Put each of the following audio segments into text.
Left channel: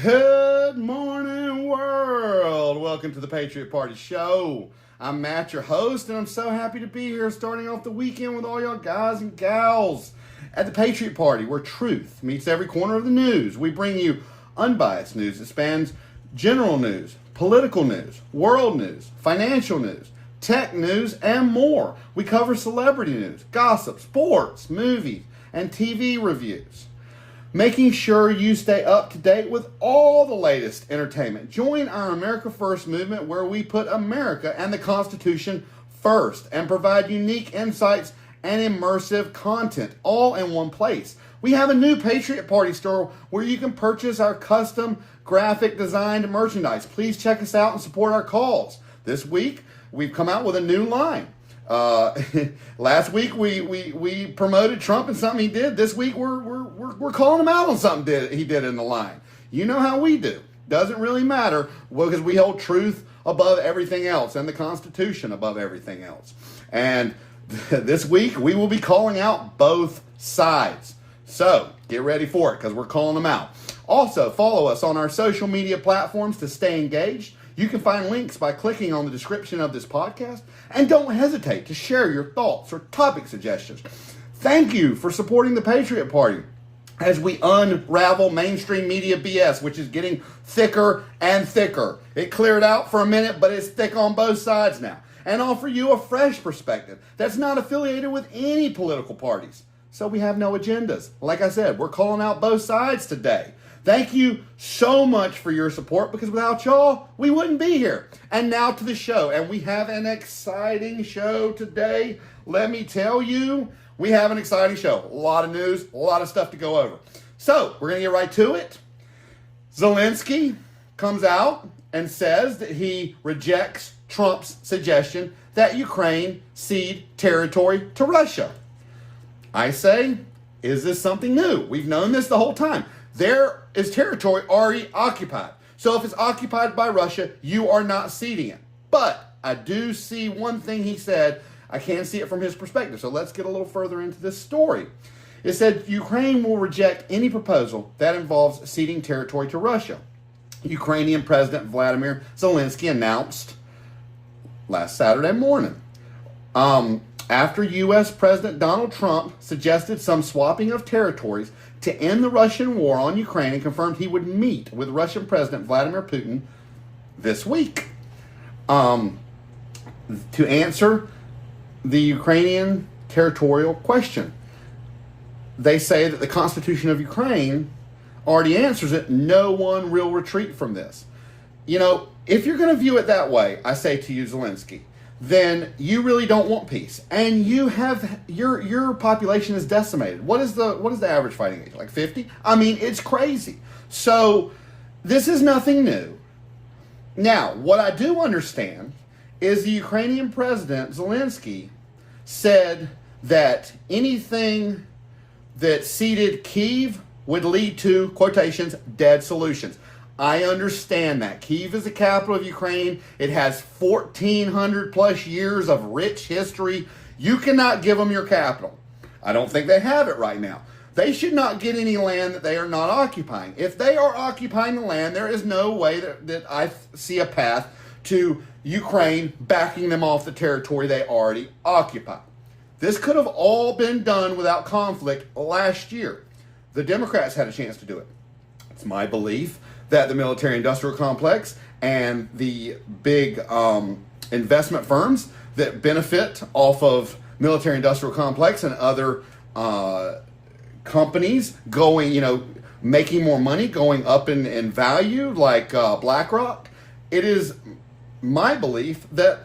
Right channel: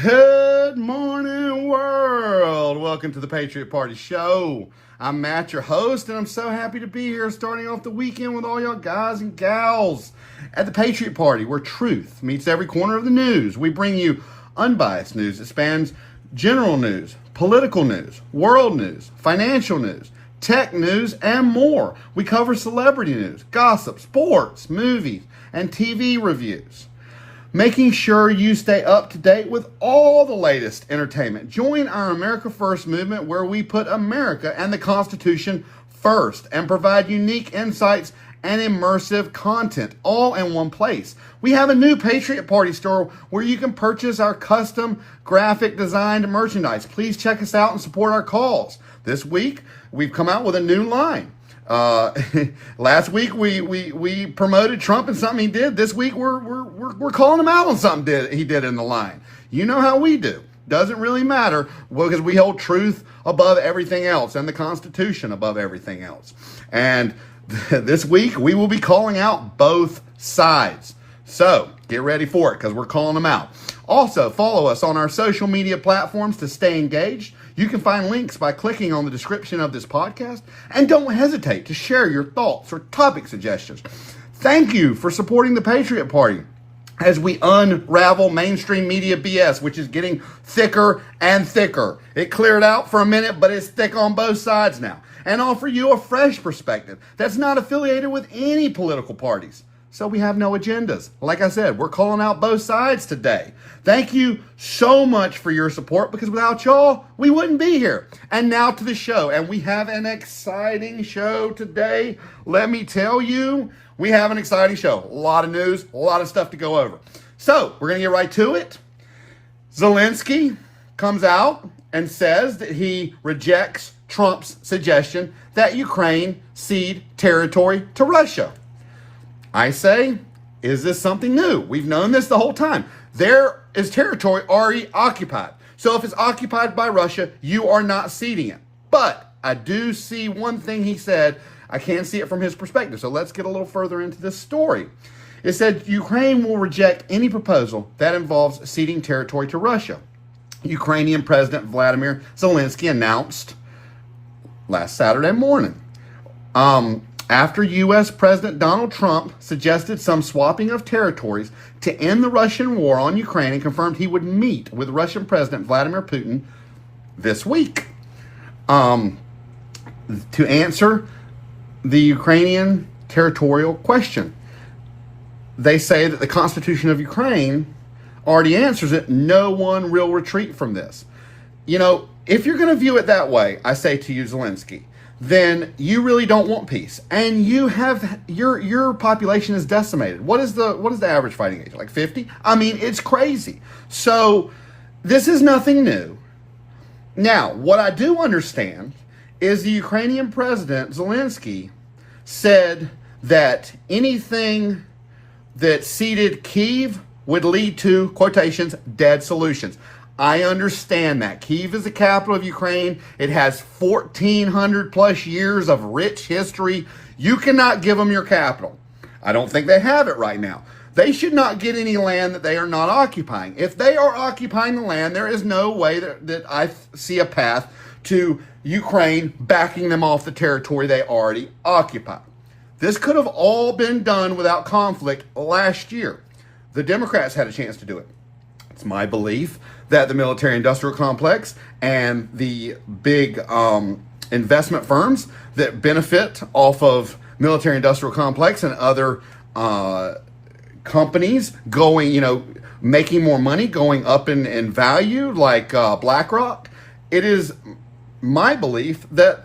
Good morning, world. Welcome to the Patriot Party Show. I'm Matt, your host, and I'm so happy to be here starting off the weekend with all y'all guys and gals at the Patriot Party, where truth meets every corner of the news. We bring you unbiased news that spans general news, political news, world news, financial news, tech news, and more. We cover celebrity news, gossip, sports, movies, and TV reviews, making sure you stay up to date with all the latest entertainment. Join our America First movement, where we put America and the Constitution first and provide unique insights and immersive content all in one place. We have a new Patriot Party store where you can purchase our custom graphic designed merchandise. Please check us out and support our cause. This week, we've come out with a new line. Last week we promoted Trump and something he did. This week we're calling him out on something he did in the line. You know how we do. Doesn't really matter, because we hold truth above everything else and the Constitution above everything else. And this week we will be calling out both sides. So get ready for it, because we're calling them out. Also, follow us on our social media platforms to stay engaged. You can find links by clicking on the description of this podcast, and don't hesitate to share your thoughts or topic suggestions. Thank you for supporting the Patriot Party as we unravel mainstream media BS, which is getting thicker and thicker. It cleared out for a minute, but it's thick on both sides now, and offer you a fresh perspective that's not affiliated with any political parties. So we have no agendas. Like I said, we're calling out both sides today. Thank you so much for your support, because without y'all, we wouldn't be here. And now to the show. And we have an exciting show today. Let me tell you, we have an exciting show. A lot of news, a lot of stuff to go over. So we're going to get right to it. Zelensky comes out and says that he rejects Trump's suggestion that Ukraine cede territory to Russia. I say, is this something new? We've known this the whole time. There is territory already occupied. So if it's occupied by Russia, you are not ceding it. But I do see one thing he said. I can see it from his perspective. So let's get a little further into this story. It said Ukraine will reject any proposal that involves ceding territory to Russia. Ukrainian President Vladimir Zelensky announced last Saturday morning. After U.S. President Donald Trump suggested some swapping of territories to end the Russian war on Ukraine, and confirmed he would meet with Russian President Vladimir Putin this week to answer the Ukrainian territorial question. They say that the Constitution of Ukraine already answers it. No one will retreat from this. You know, if you're going to view it that way, I say to you, Zelensky, then you really don't want peace, and you have your population is decimated. What is the average fighting age? Like 50? I mean, it's crazy. So this is nothing new. Now, what I do understand is the Ukrainian president Zelensky said that anything that ceded Kyiv would lead to, quotations, dead solutions. I understand that. Kyiv is the capital of Ukraine. It has 1,400 plus years of rich history. You cannot give them your capital. I don't think they have it right now. They should not get any land that they are not occupying. If they are occupying the land, there is no way that I see a path to Ukraine backing them off the territory they already occupy. This could have all been done without conflict last year. The Democrats had a chance to do it. It's my belief that the military-industrial complex and the big investment firms that benefit off of military-industrial complex and other companies going, making more money, going up in value, like BlackRock, it is my belief that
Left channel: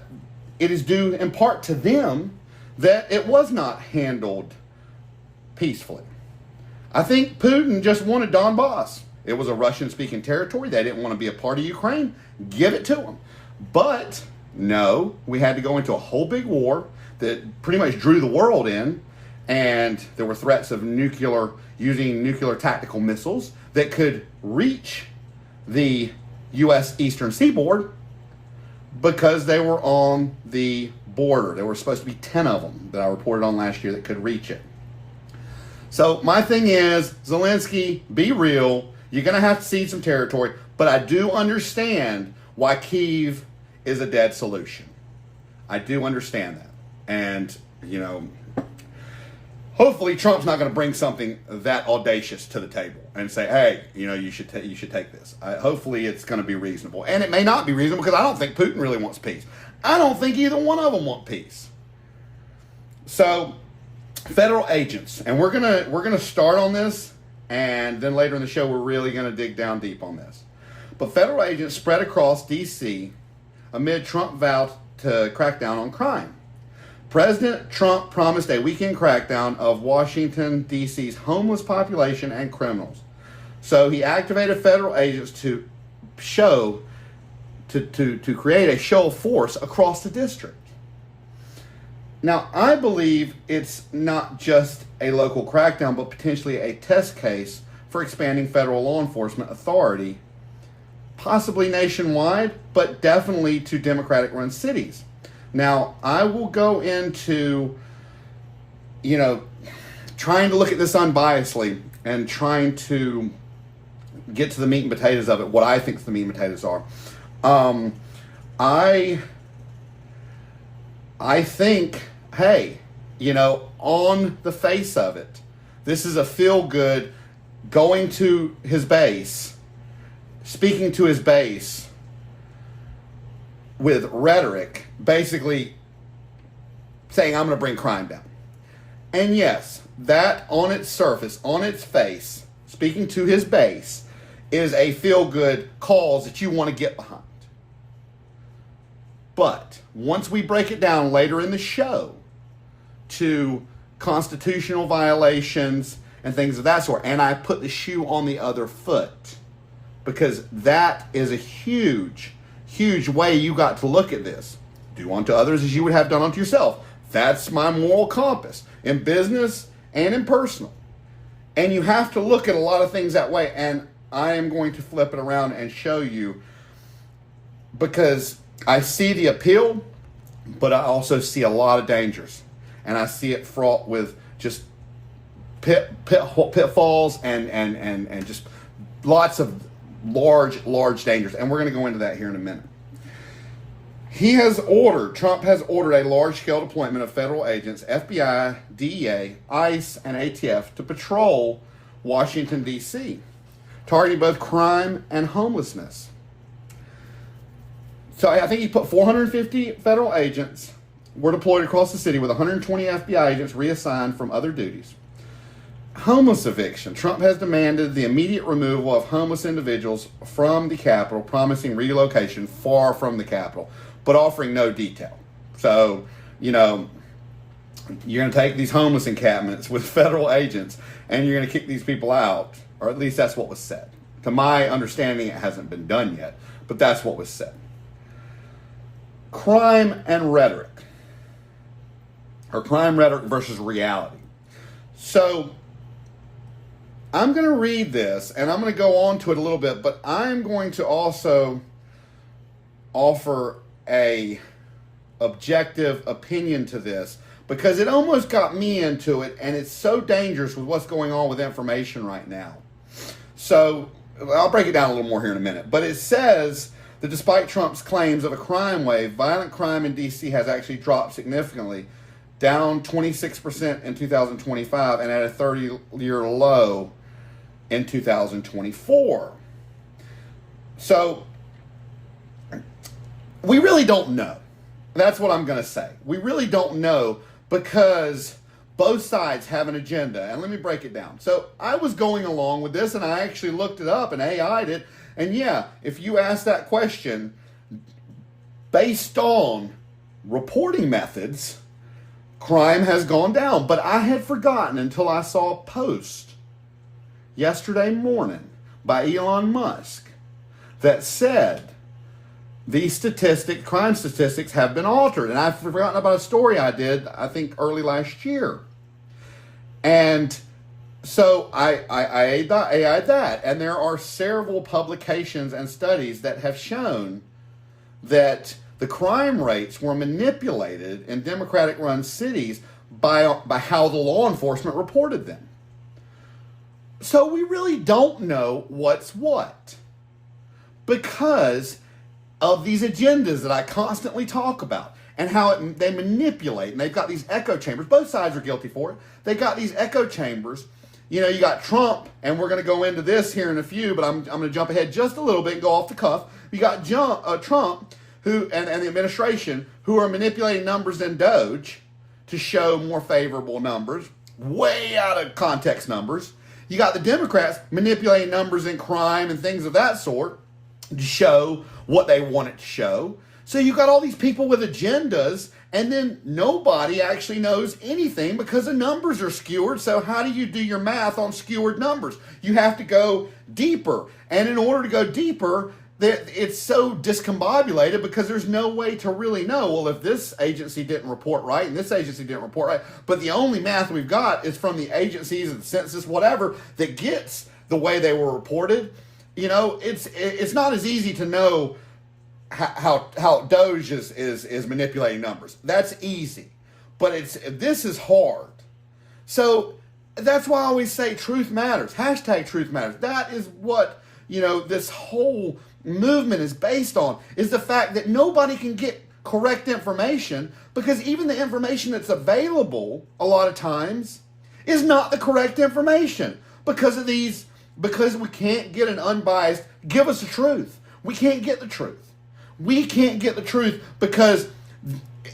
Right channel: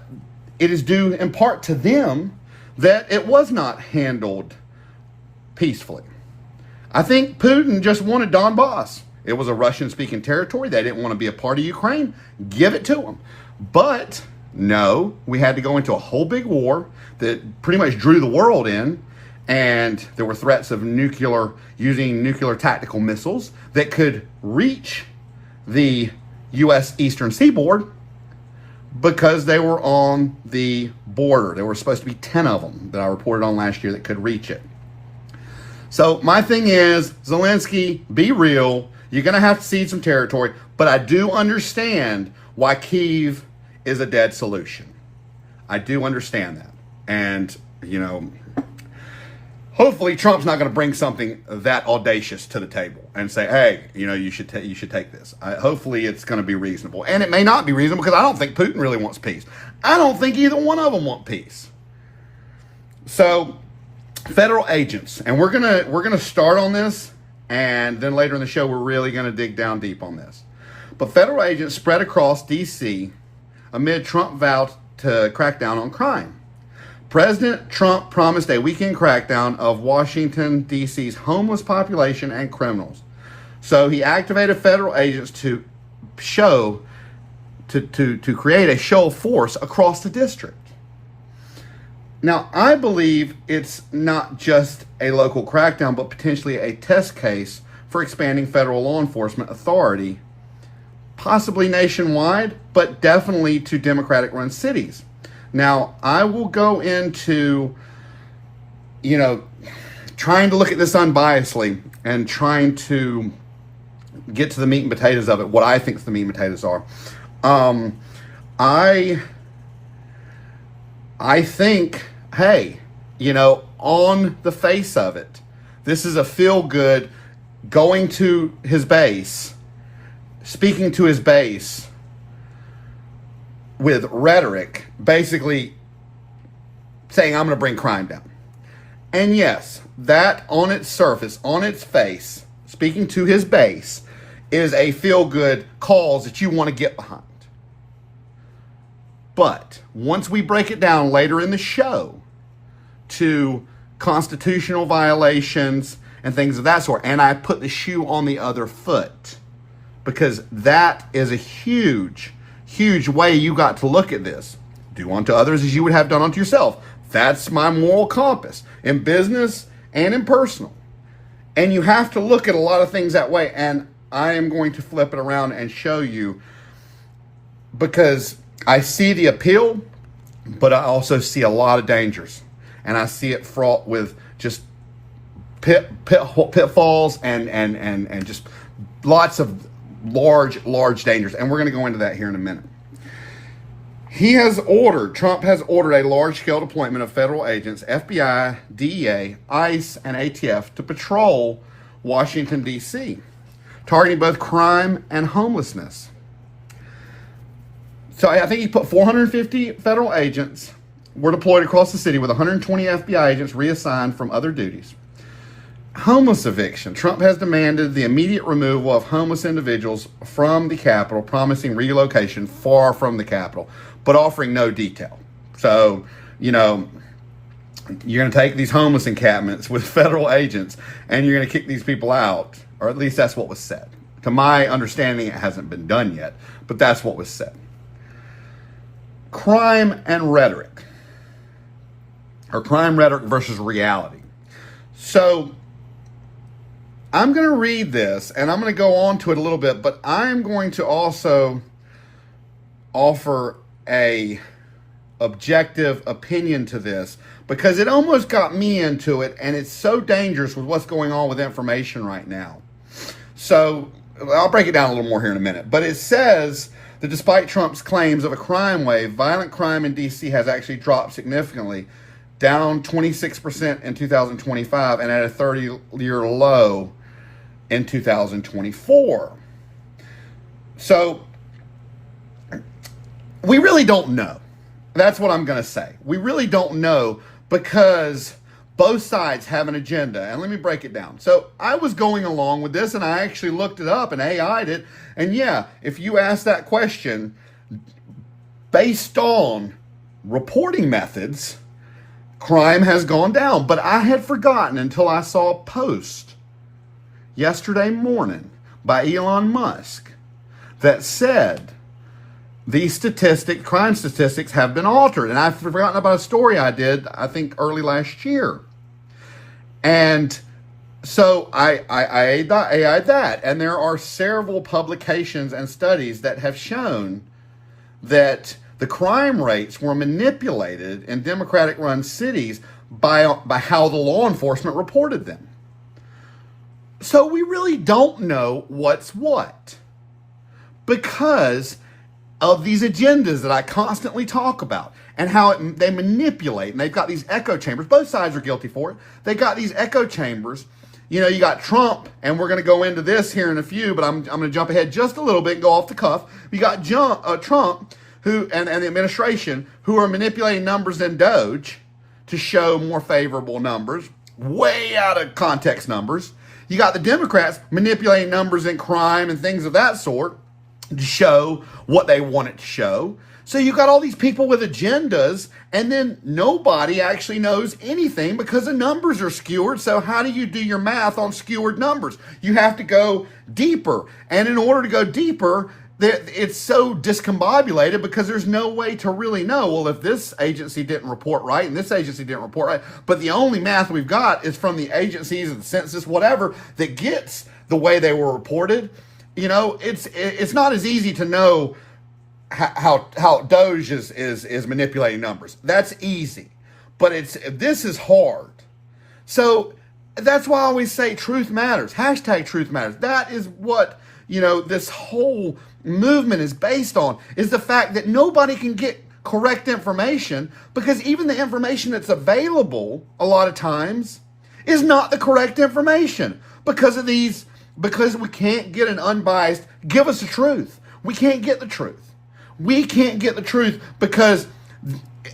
it is due in part to them that it was not handled peacefully. I think Putin just wanted Donbass. It was a Russian-speaking territory. They didn't want to be a part of Ukraine. Give it to them. But no, we had to go into a whole big war that pretty much drew the world in, and there were threats of using nuclear tactical missiles that could reach the U.S. eastern seaboard because they were on the border. There were supposed to be 10 of them that I reported on last year that could reach it. So my thing is, Zelensky, be real. You're going to have to cede some territory, but I do understand why Kyiv is a dead solution. I do understand that. And, you know, hopefully Trump's not going to bring something that audacious to the table and say, hey, you know, you should take this. Hopefully it's going to be reasonable. And it may not be reasonable because I don't think Putin really wants peace. I don't think either one of them want peace. So, federal agents, and we're gonna start on this, and then later in the show we're really going to dig down deep on this. But federal agents spread across D.C. amid Trump vow to crack down on crime. President Trump promised a weekend crackdown of Washington, D.C.'s homeless population and criminals. So he activated federal agents to create a show of force across the district. Now, I believe it's not just a local crackdown, but potentially a test case for expanding federal law enforcement authority, possibly nationwide, but definitely to Democratic-run cities. Now, I will go into, you know, trying to look at this unbiasedly and trying to get to the meat and potatoes of it, what I think the meat and potatoes are. I think, hey, you know, on the face of it, this is a feel-good going to his base, speaking to his base with rhetoric, basically saying, I'm going to bring crime down. And yes, that on its surface, on its face, speaking to his base, is a feel-good cause that you want to get behind. But once we break it down later in the show to constitutional violations and things of that sort, and I put the shoe on the other foot, because that is a huge, huge way you got to look at this. Do unto others as you would have done unto yourself. That's my moral compass in business and in personal. And you have to look at a lot of things that way, and I am going to flip it around and show you, because I see the appeal, but I also see a lot of dangers. And I see it fraught with just pitfalls and just lots of large dangers. And we're going to go into that here in a minute. Trump has ordered a large-scale deployment of federal agents, FBI, DEA, ICE, and ATF to patrol Washington, D.C., targeting both crime and homelessness. So I think he put 450 federal agents were deployed across the city with 120 FBI agents reassigned from other duties. Homeless eviction. Trump has demanded the immediate removal of homeless individuals from the Capitol, promising relocation far from the Capitol, but offering no detail. So, you know, you're going to take these homeless encampments with federal agents and you're going to kick these people out, or at least that's what was said. To my understanding, it hasn't been done yet, but that's what was said. Crime and rhetoric, or crime rhetoric versus reality. So I'm going to read this and I'm going to go on to it a little bit, but I'm going to also offer a objective opinion to this, because it almost got me into it, and it's so dangerous with what's going on with information right now. So I'll break it down a little more here in a minute, but it says that despite Trump's claims of a crime wave, violent crime in D.C. has actually dropped significantly, down 26% in 2025 and at a 30-year low in 2024. So we really don't know. That's what I'm going to say. We really don't know, because both sides have an agenda. And let me break it down. So I was going along with this, and I actually looked it up and AI'd it. And yeah, if you ask that question based on reporting methods, crime has gone down. But I had forgotten until I saw a post yesterday morning by Elon Musk that said these crime statistics have been altered. And I've forgotten about a story I did, I think, early last year. And so I AI'd that. And there are several publications and studies that have shown that the crime rates were manipulated in Democratic-run cities by how the law enforcement reported them. So we really don't know what's what because of these agendas that I constantly talk about and how they manipulate. And they've got these echo chambers. Both sides are guilty for it. They've got these echo chambers. You know, you got Trump, and we're going to go into this here in a few, but I'm going to jump ahead just a little bit, go off the cuff. You got Trump who and the administration who are manipulating numbers in Doge to show more favorable numbers, way out of context numbers. You got the Democrats manipulating numbers in crime and things of that sort to show what they want it to show. So you've got all these people with agendas, and then nobody actually knows anything because the numbers are skewered. So how do you do your math on skewered numbers? You have to go deeper. And in order to go deeper, it's so discombobulated because there's no way to really know, well, if this agency didn't report right and this agency didn't report right, but the only math we've got is from the agencies and the census, whatever, that gets the way they were reported. You know, it's not as easy to know how Doge is manipulating numbers. That's easy, but this is hard. So that's why I always say truth matters. Hashtag truth matters. That is what, you know, this whole movement is based on, is the fact that nobody can get correct information because even the information that's available a lot of times is not the correct information because we can't get an unbiased, give us the truth. We can't get the truth. We can't get the truth because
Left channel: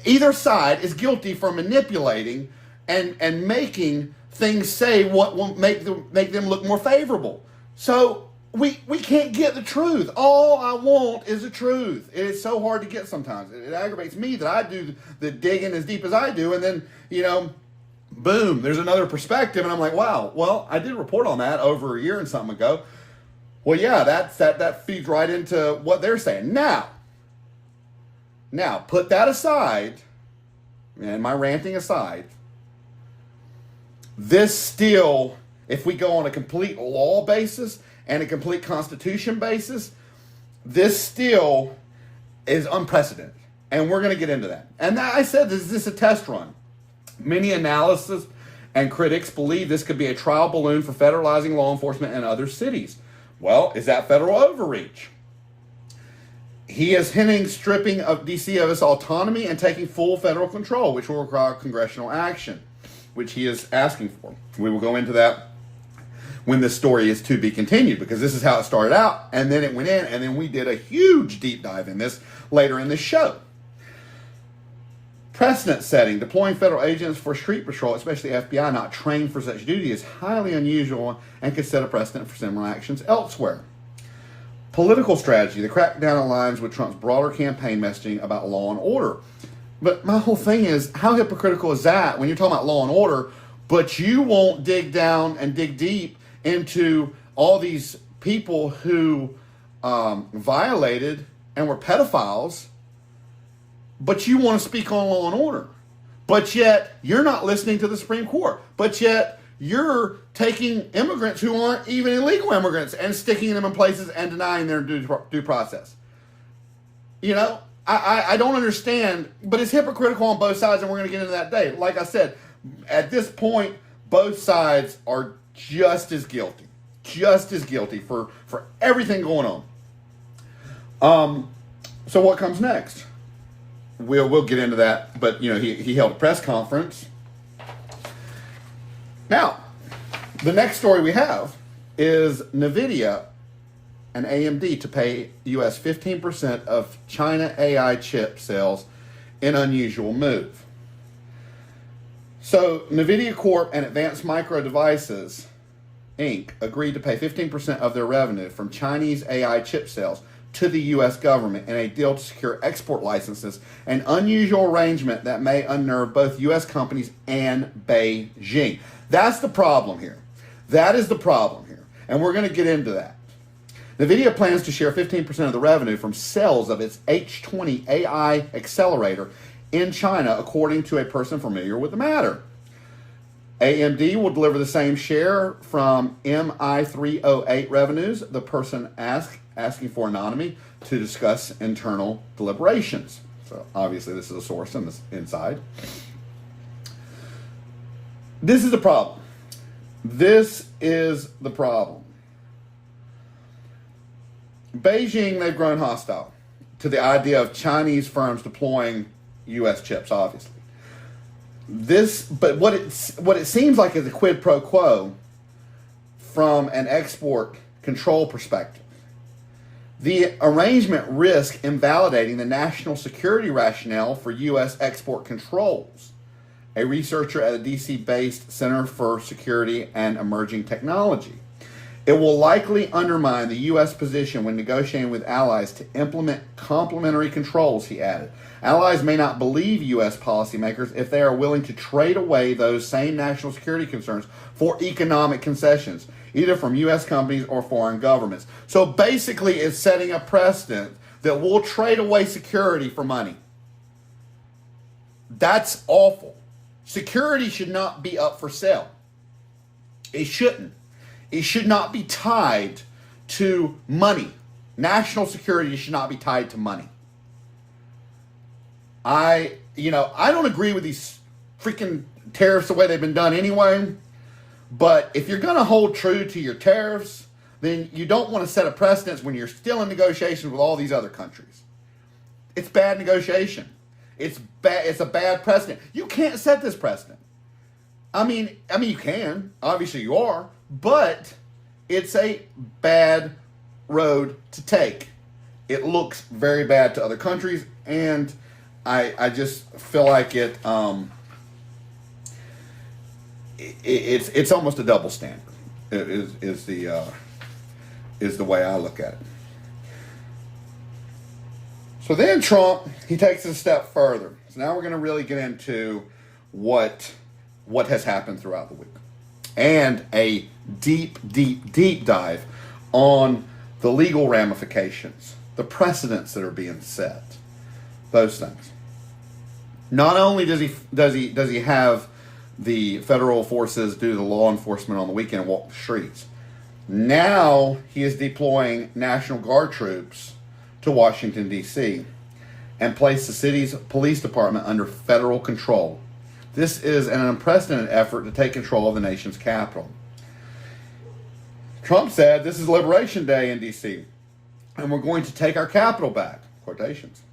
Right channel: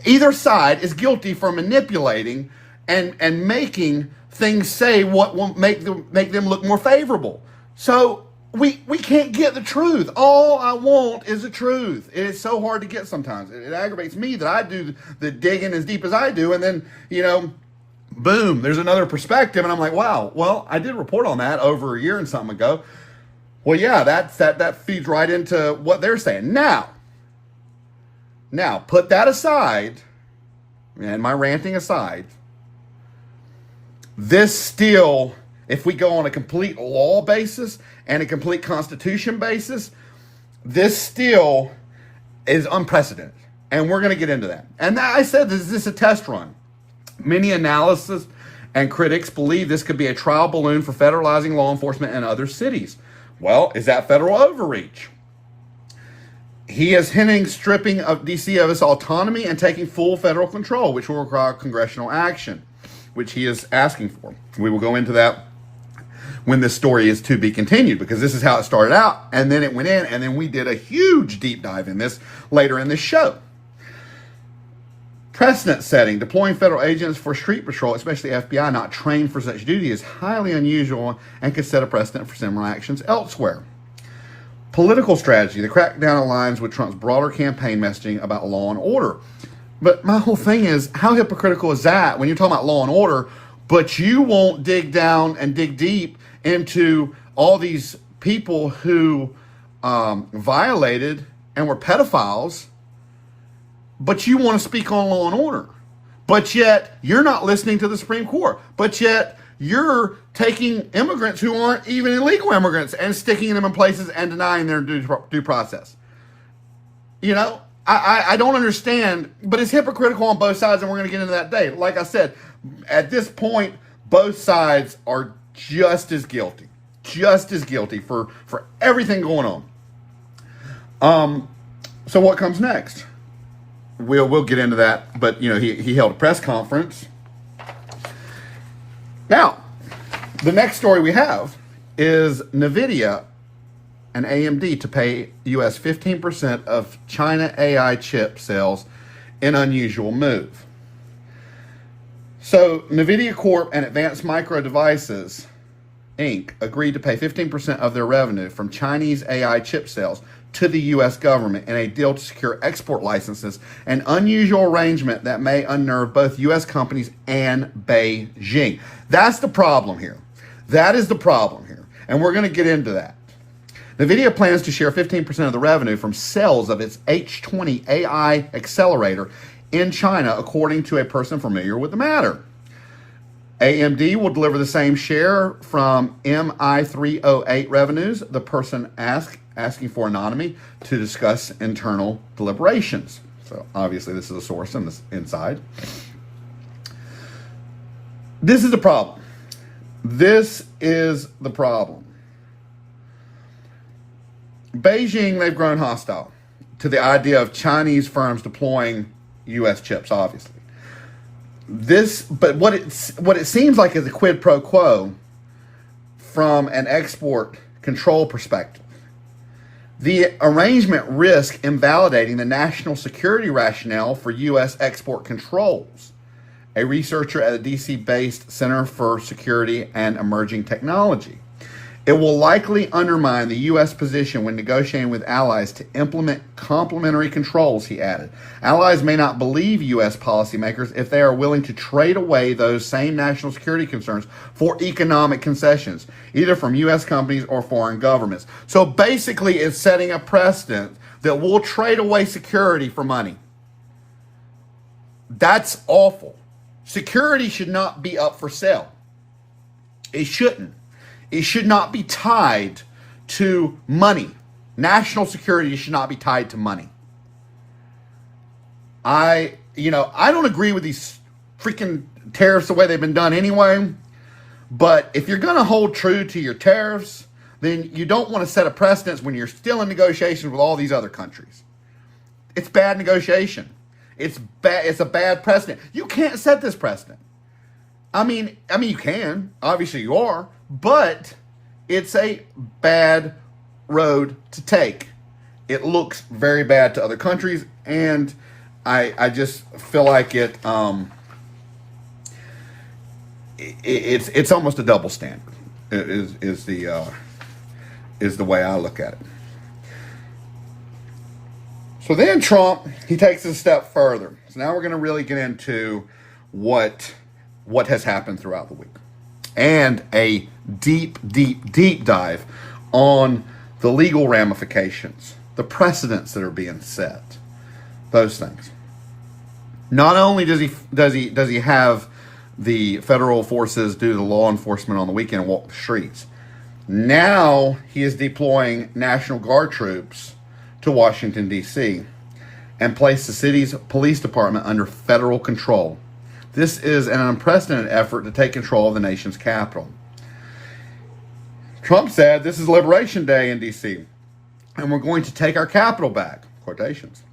either side is guilty for manipulating and making things say what will make them look more favorable. So we can't get the truth. All I want is the truth. It is so hard to get sometimes. It aggravates me that I do the digging as deep as I do, and then, you know, boom, there's another perspective, and I'm like, wow, well, I did report on that over a year and something ago. Well, yeah, that feeds right into what they're saying. Now, put that aside, and my ranting aside, this still, if we go on a complete law basis and a complete constitution basis, this still is unprecedented. And we're going to get into that. And I said, is this a test run? Many analysts and critics believe this could be a trial balloon for federalizing law enforcement in other cities. Well, is that federal overreach? He is hinting stripping of D.C. of its autonomy and taking full federal control, which will require congressional action, which he is asking for. We will go into that when this story is to be continued, because this is how it started out, and then it went in, and then we did a huge deep dive in this later in this show. Precedent setting, deploying federal agents for street patrol, especially FBI not trained for such duty, is highly unusual and could set a precedent for similar actions elsewhere. Political strategy, the crackdown aligns with Trump's broader campaign messaging about law and order. But my whole thing is, how hypocritical is that when you're talking about law and order, but you won't dig down and dig deep into all these people who violated and were pedophiles, but you want to speak on law and order. But yet, you're not listening to the Supreme Court. But yet, you're taking immigrants who aren't even illegal immigrants and sticking them in places and denying their due process. You know, I don't understand, but it's hypocritical on both sides, and we're going to get into that today. Like I said, at this point, both sides are just as guilty for everything going on. So what comes next? We'll get into that, but you know, he held a press conference. Now, the next story we have is NVIDIA and AMD to pay US 15% of China AI chip sales in unusual move. So NVIDIA Corp and Advanced Micro Devices Inc. agreed to pay 15% of their revenue from Chinese AI chip sales to the U.S. government in a deal to secure export licenses, an unusual arrangement that may unnerve both U.S. companies and Beijing. That's the problem here. That is the problem here. And we're going to get into that. NVIDIA plans to share 15% of the revenue from sales of its H20 AI accelerator in China, according to a person familiar with the matter. AMD will deliver the same share from MI308 revenues, the person asking for anonymity to discuss internal deliberations. So obviously this is a source on this inside. This is the problem. This is the problem. Beijing, they've grown hostile to the idea of Chinese firms deploying U.S. chips, obviously. But what it seems like is a quid pro quo from an export control perspective. The arrangement risks invalidating the national security rationale for U.S. export controls. A researcher at a D.C.-based Center for Security and Emerging Technology. It will likely undermine the U.S. position when negotiating with allies to implement complementary controls, he added. Allies may not believe U.S. policymakers if they are willing to trade away those same national security concerns for economic concessions, either from U.S. companies or foreign governments. So basically, it's setting a precedent that we'll trade away security for money. That's awful. Security should not be up for sale. It shouldn't. It should not be tied to money. National security should not be tied to money. I don't agree with these freaking tariffs the way they've been done anyway. But if you're going to hold true to your tariffs, then you don't want to set a precedence when you're still in negotiations with all these other countries. It's bad negotiation. It's a bad precedent. You can't set this precedent. I mean, you can. Obviously, you are. But it's a bad road to take. It looks very bad to other countries, and I just feel like it's almost a double standard. Is the way I look at it. So then Trump, he takes it a step further. So now we're going to really get into what has happened throughout the week. And a deep dive on the legal ramifications, the precedents that are being set, those things. Not only does he have the federal forces do the law enforcement on the weekend and walk the streets, now he is deploying National Guard troops to Washington, D.C., and place the city's police department under federal control. This is an unprecedented effort to take control of the nation's capital. Trump said, "This is Liberation Day in D.C., and we're going to take our capital back." Quotations.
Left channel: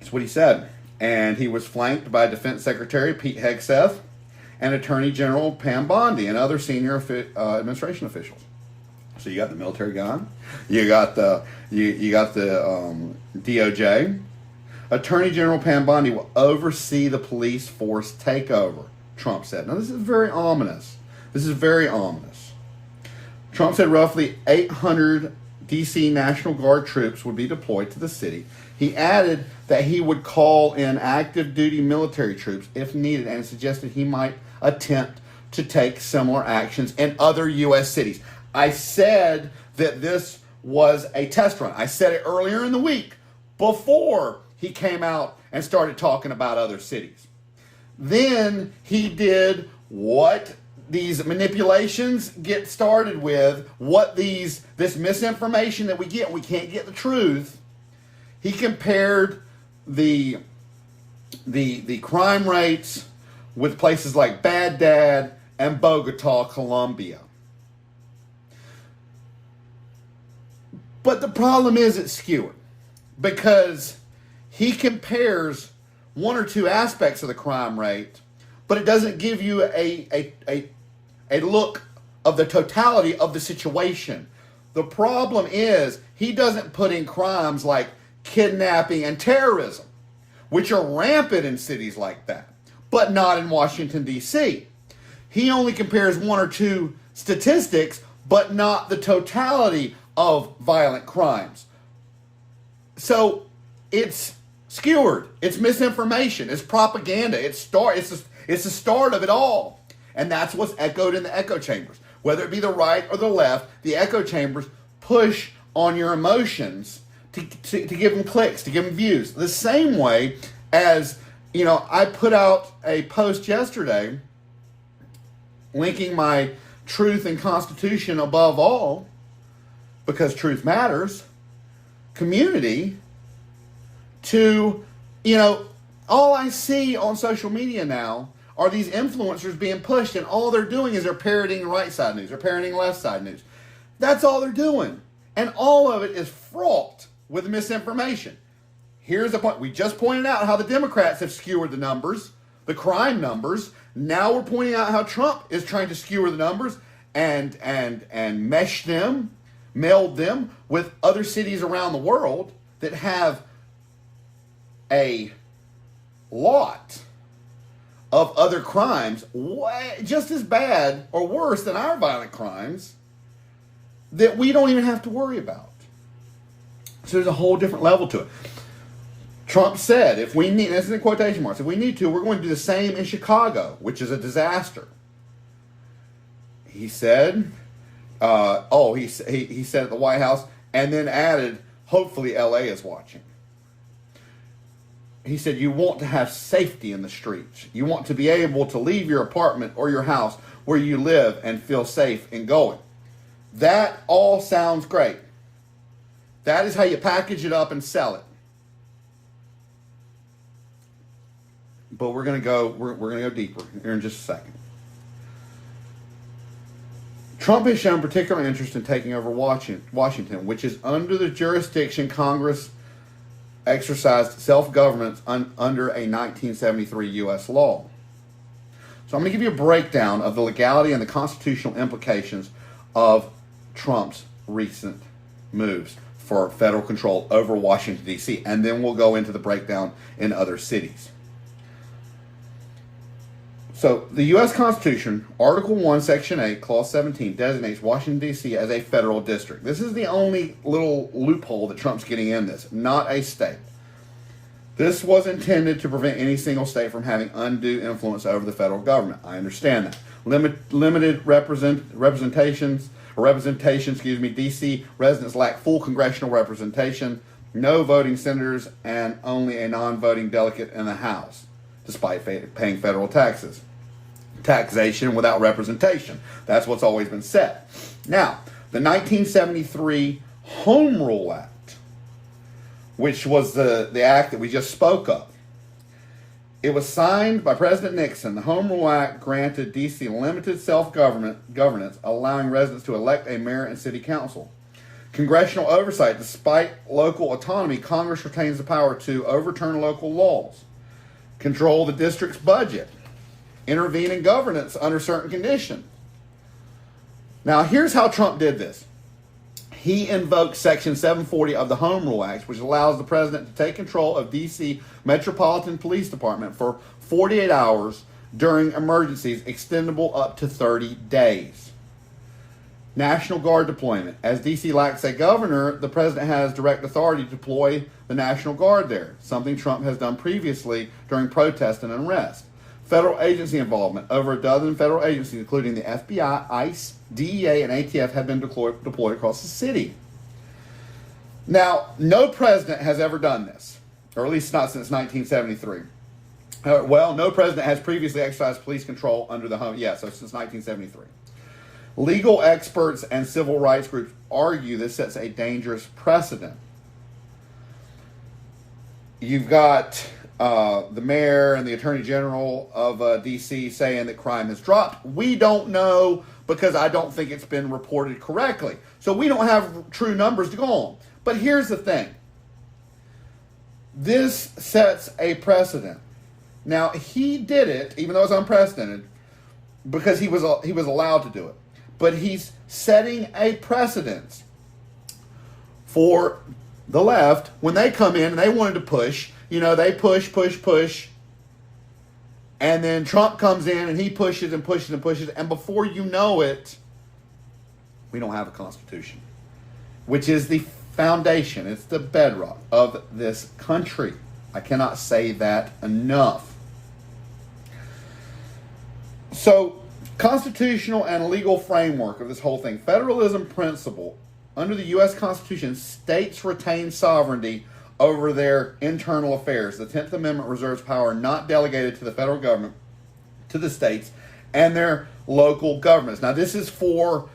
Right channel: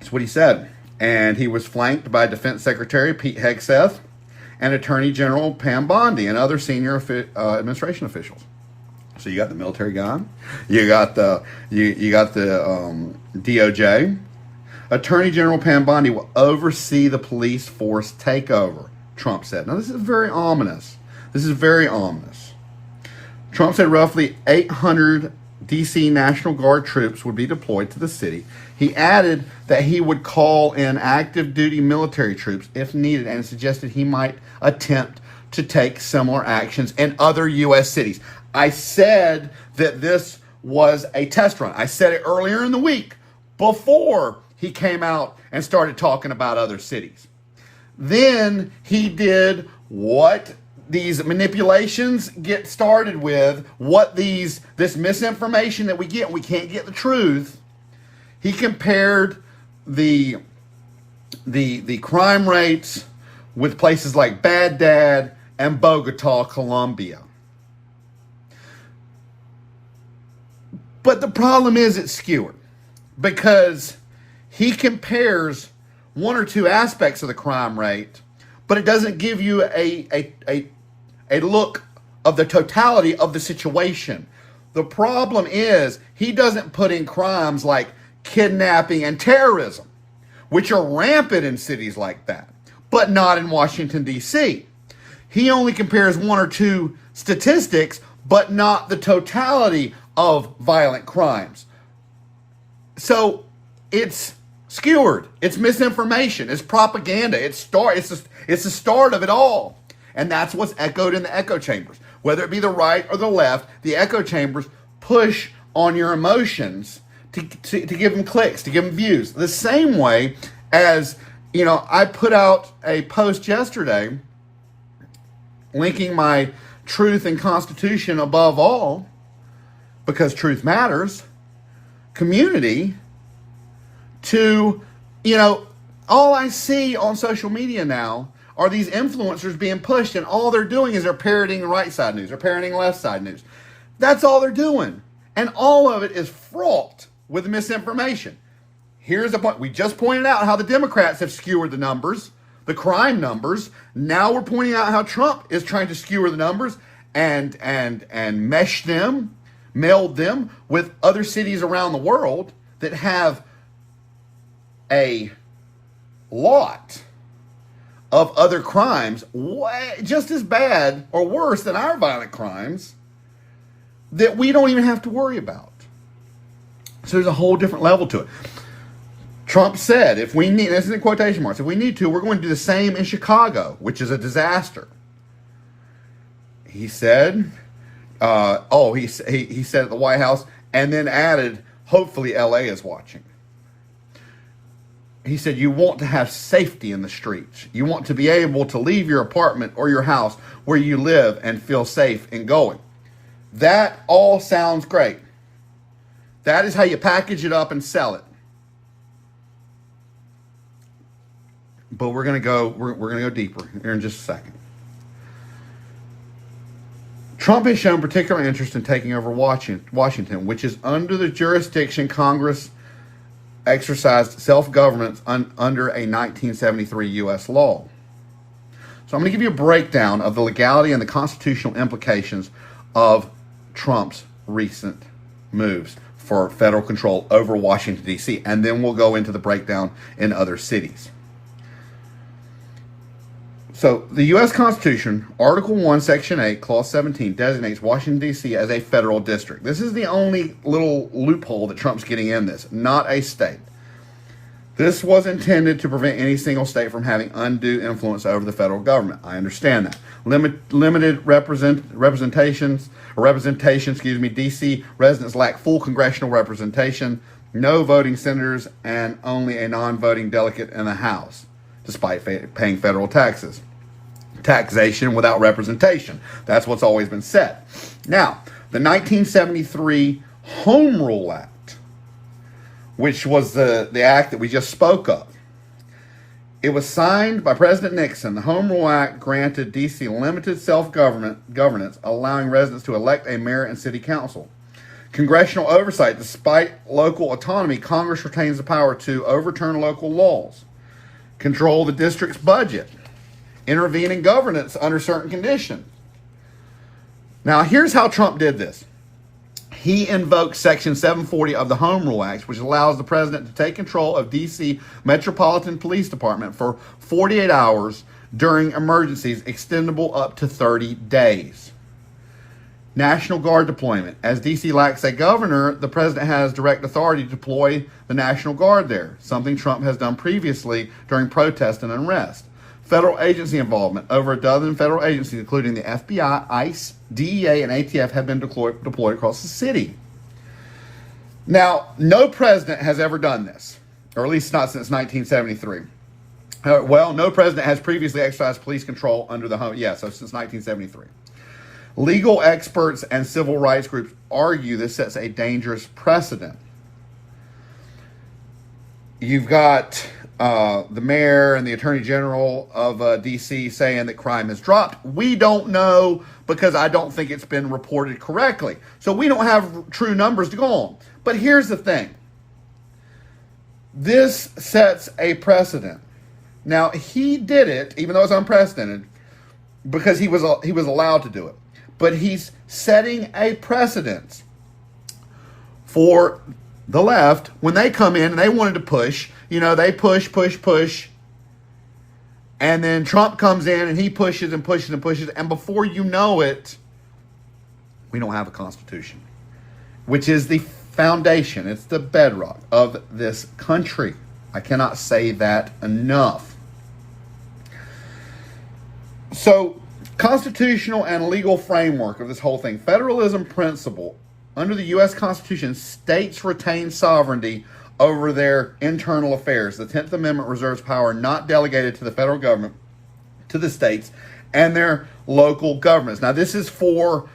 That's what he said. And he was flanked by Defense Secretary Pete Hegseth and Attorney General Pam Bondi and other senior administration officials. So you got the military guy, you got the DOJ. Attorney General Pam Bondi will oversee the police force takeover, Trump said. Now this is very ominous. Trump said roughly 800 D.C. National Guard troops would be deployed to the city. He added that he would call in active duty military troops if needed and suggested he might attempt to take similar actions in other U.S. cities. I said that this was a test run. I said it earlier in the week before he came out and started talking about other cities. Then he did what these manipulations get started with, this misinformation that we get, we can't get the truth. He compared the crime rates with places like Baghdad and Bogota, Colombia. But the problem is it's skewed because he compares one or two aspects of the crime rate, but it doesn't give you a look of the totality of the situation. The problem is he doesn't put in crimes like kidnapping and terrorism, which are rampant in cities like that, but not in Washington, D.C. He only compares one or two statistics, but not the totality of violent crimes. So it's skewered. It's misinformation. It's propaganda. It's the start of it all. And that's what's echoed in the echo chambers. Whether it be the right or the left, the echo chambers push on your emotions to give them clicks, to give them views. The same way as, I put out a post yesterday linking my truth and Constitution above all, because truth matters, community, to, all I see on social media now are these influencers being pushed, and all they're doing is they're parroting right side news, they're parroting left side news. That's all they're doing. And all of it is fraught with misinformation. Here's the point. We just pointed out how the Democrats have skewered the numbers, the crime numbers. Now we're pointing out how Trump is trying to skewer the numbers and mesh them, meld them with other cities around the world that have a lot of other crimes just as bad or worse than our violent crimes that we don't even have to worry about. So there's a whole different level to it. Trump said, if we need, this is in quotation marks, if we need to, we're going to do the same in Chicago, which is a disaster. He said, he said at the White House, and then added, hopefully LA is watching. He said, you want to have safety in the streets. You want to be able to leave your apartment or your house where you live and feel safe in going. That all sounds great. That is how you package it up and sell it. But we're gonna go deeper here in just a second. Trump has shown particular interest in taking over Washington, which is under the jurisdiction Congress exercised self-governance under a 1973 U.S. law. So I'm going to give you a breakdown of the legality and the constitutional implications of Trump's recent moves for federal control over Washington, D.C., and then we'll go into the breakdown in other cities. So the U.S. Constitution, Article 1, Section 8, Clause 17, designates Washington, D.C. as a federal district. This is the only little loophole that Trump's getting in this, not a state. This was intended to prevent any single state from having undue influence over the federal government. I understand that. Limited representation, D.C. residents lack full congressional representation, no voting senators, and only a non-voting delegate in the House, despite paying federal taxes. Taxation without representation. That's what's always been said. Now, the 1973 Home Rule Act, which was the act that we just spoke of, it was signed by President Nixon. The Home Rule Act granted D.C. limited self-governance, allowing residents to elect a mayor and city council. Congressional oversight. Despite local autonomy, Congress retains the power to overturn local laws, control the district's budget, intervene in governance under certain conditions. Now, here's how Trump did this. He invoked Section 740 of the Home Rule Act, which allows the president to take control of D.C. Metropolitan Police Department for 48 hours during emergencies, extendable up to 30 days. National Guard deployment. As D.C. lacks a governor, the president has direct authority to deploy the National Guard there, something Trump has done previously during protest and unrest. Federal agency involvement. Over a dozen federal agencies, including the FBI, ICE, DEA, and ATF, have been deployed across the city. Now, no president has ever done this, or at least not since 1973. No president has previously exercised police control under the home. So since 1973. Legal experts and civil rights groups argue this sets a dangerous precedent. You've got the mayor and the attorney general of D.C. saying that crime has dropped. We don't know because I don't think it's been reported correctly. So we don't have true numbers to go on. But here's the thing. This sets a precedent. Now, he did it, even though it's unprecedented, because he was allowed to do it. But he's setting a precedent for the left when they come in and they wanted to push. They push. And then Trump comes in and he pushes and pushes and pushes. And before you know it, we don't have a constitution, which is the foundation. It's the bedrock of this country. I cannot say that enough. So, constitutional and legal framework of this whole thing. Federalism principle. Under the U.S. Constitution, states retain sovereignty over their internal affairs. The 10th Amendment reserves power not delegated to the federal government, to the states, and their local governments. Now, this is for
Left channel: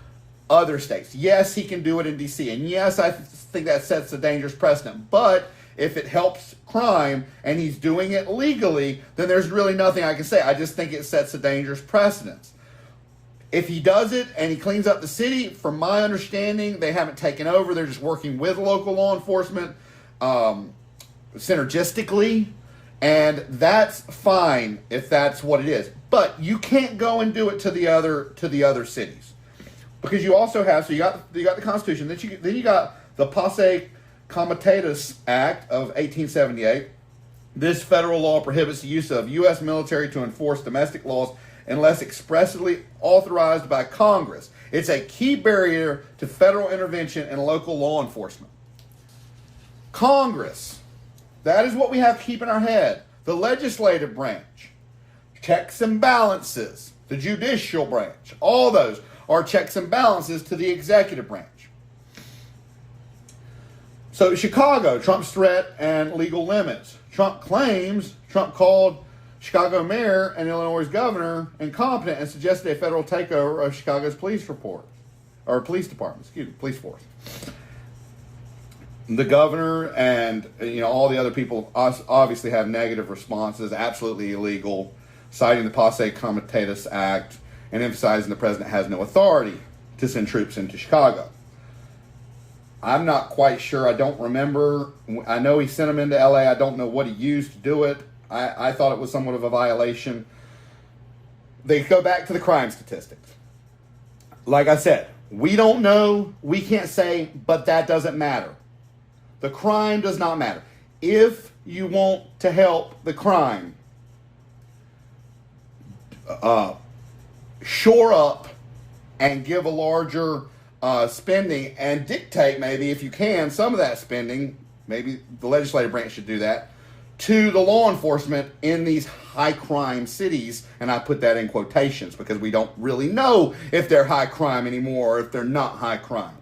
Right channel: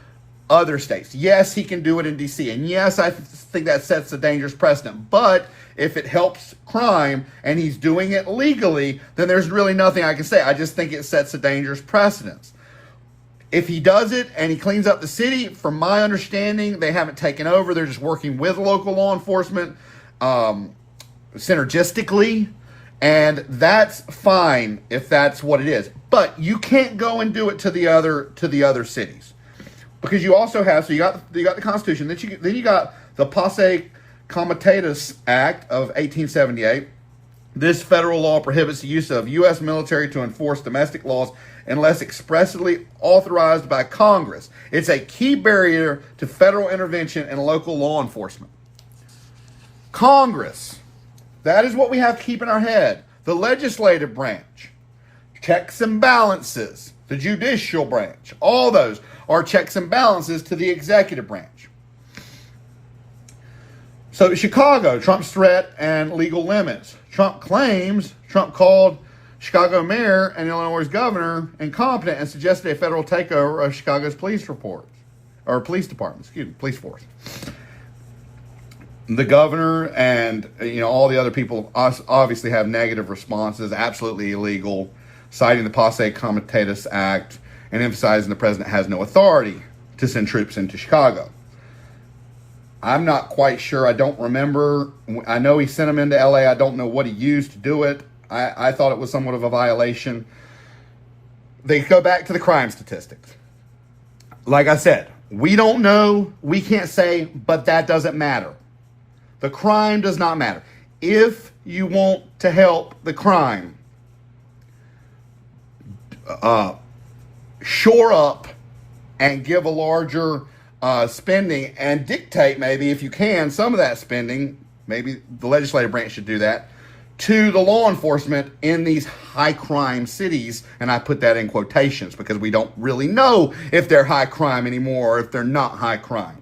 other states. Yes, he can do it in D.C., and yes, I think that sets a dangerous precedent. But if it helps crime and he's doing it legally, then there's really nothing I can say. I just think it sets a dangerous precedence. If he does it and he cleans up the city, from my understanding, they haven't taken over. They're just working with local law enforcement synergistically, and that's fine if that's what it is. But you can't go and do it to the other cities, because you also have, so you got the Constitution, then you got the Posse Comitatus Act of 1878. This federal law prohibits the use of U.S. military to enforce domestic laws unless expressly authorized by Congress. It's a key barrier to federal intervention in local law enforcement. Congress, that is what we have to keep in our head. The legislative branch, checks and balances. The judicial branch, all those are checks and balances to the executive branch. So Chicago, Trump's threat and legal limits. Trump called Chicago mayor and Illinois governor incompetent and suggested a federal takeover of Chicago's police force. The governor and all the other people obviously have negative responses, absolutely illegal, citing the Posse Comitatus Act and emphasizing the president has no authority to send troops into Chicago. I'm not quite sure. I don't remember. I know he sent them into LA. I don't know what he used to do it. I thought it was somewhat of a violation. They go back to the crime statistics. Like I said, we don't know. We can't say, but that doesn't matter. The crime does not matter. If you want to help the crime, shore up and give a larger spending and dictate, maybe if you can, some of that spending, maybe the legislative branch should do that, to the law enforcement in these high crime cities. And I put that in quotations because we don't really know if they're high crime anymore or if they're not high crime.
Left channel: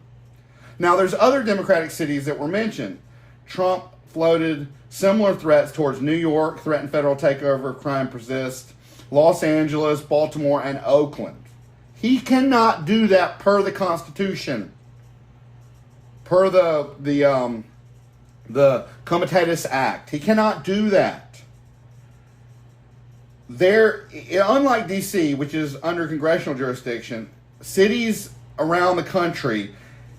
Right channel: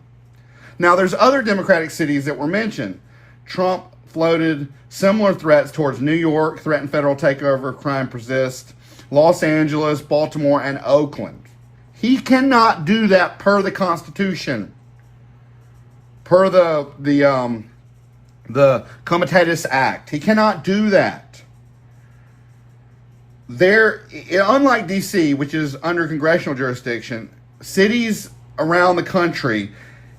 Now, there's other Democratic cities that were mentioned. Trump floated similar threats towards New York, threatened federal takeover if crime persists, Los Angeles, Baltimore, and Oakland. He cannot do that per the Constitution, per the Comitatus Act. He cannot do that. Unlike D.C., which is under congressional jurisdiction, cities around the country,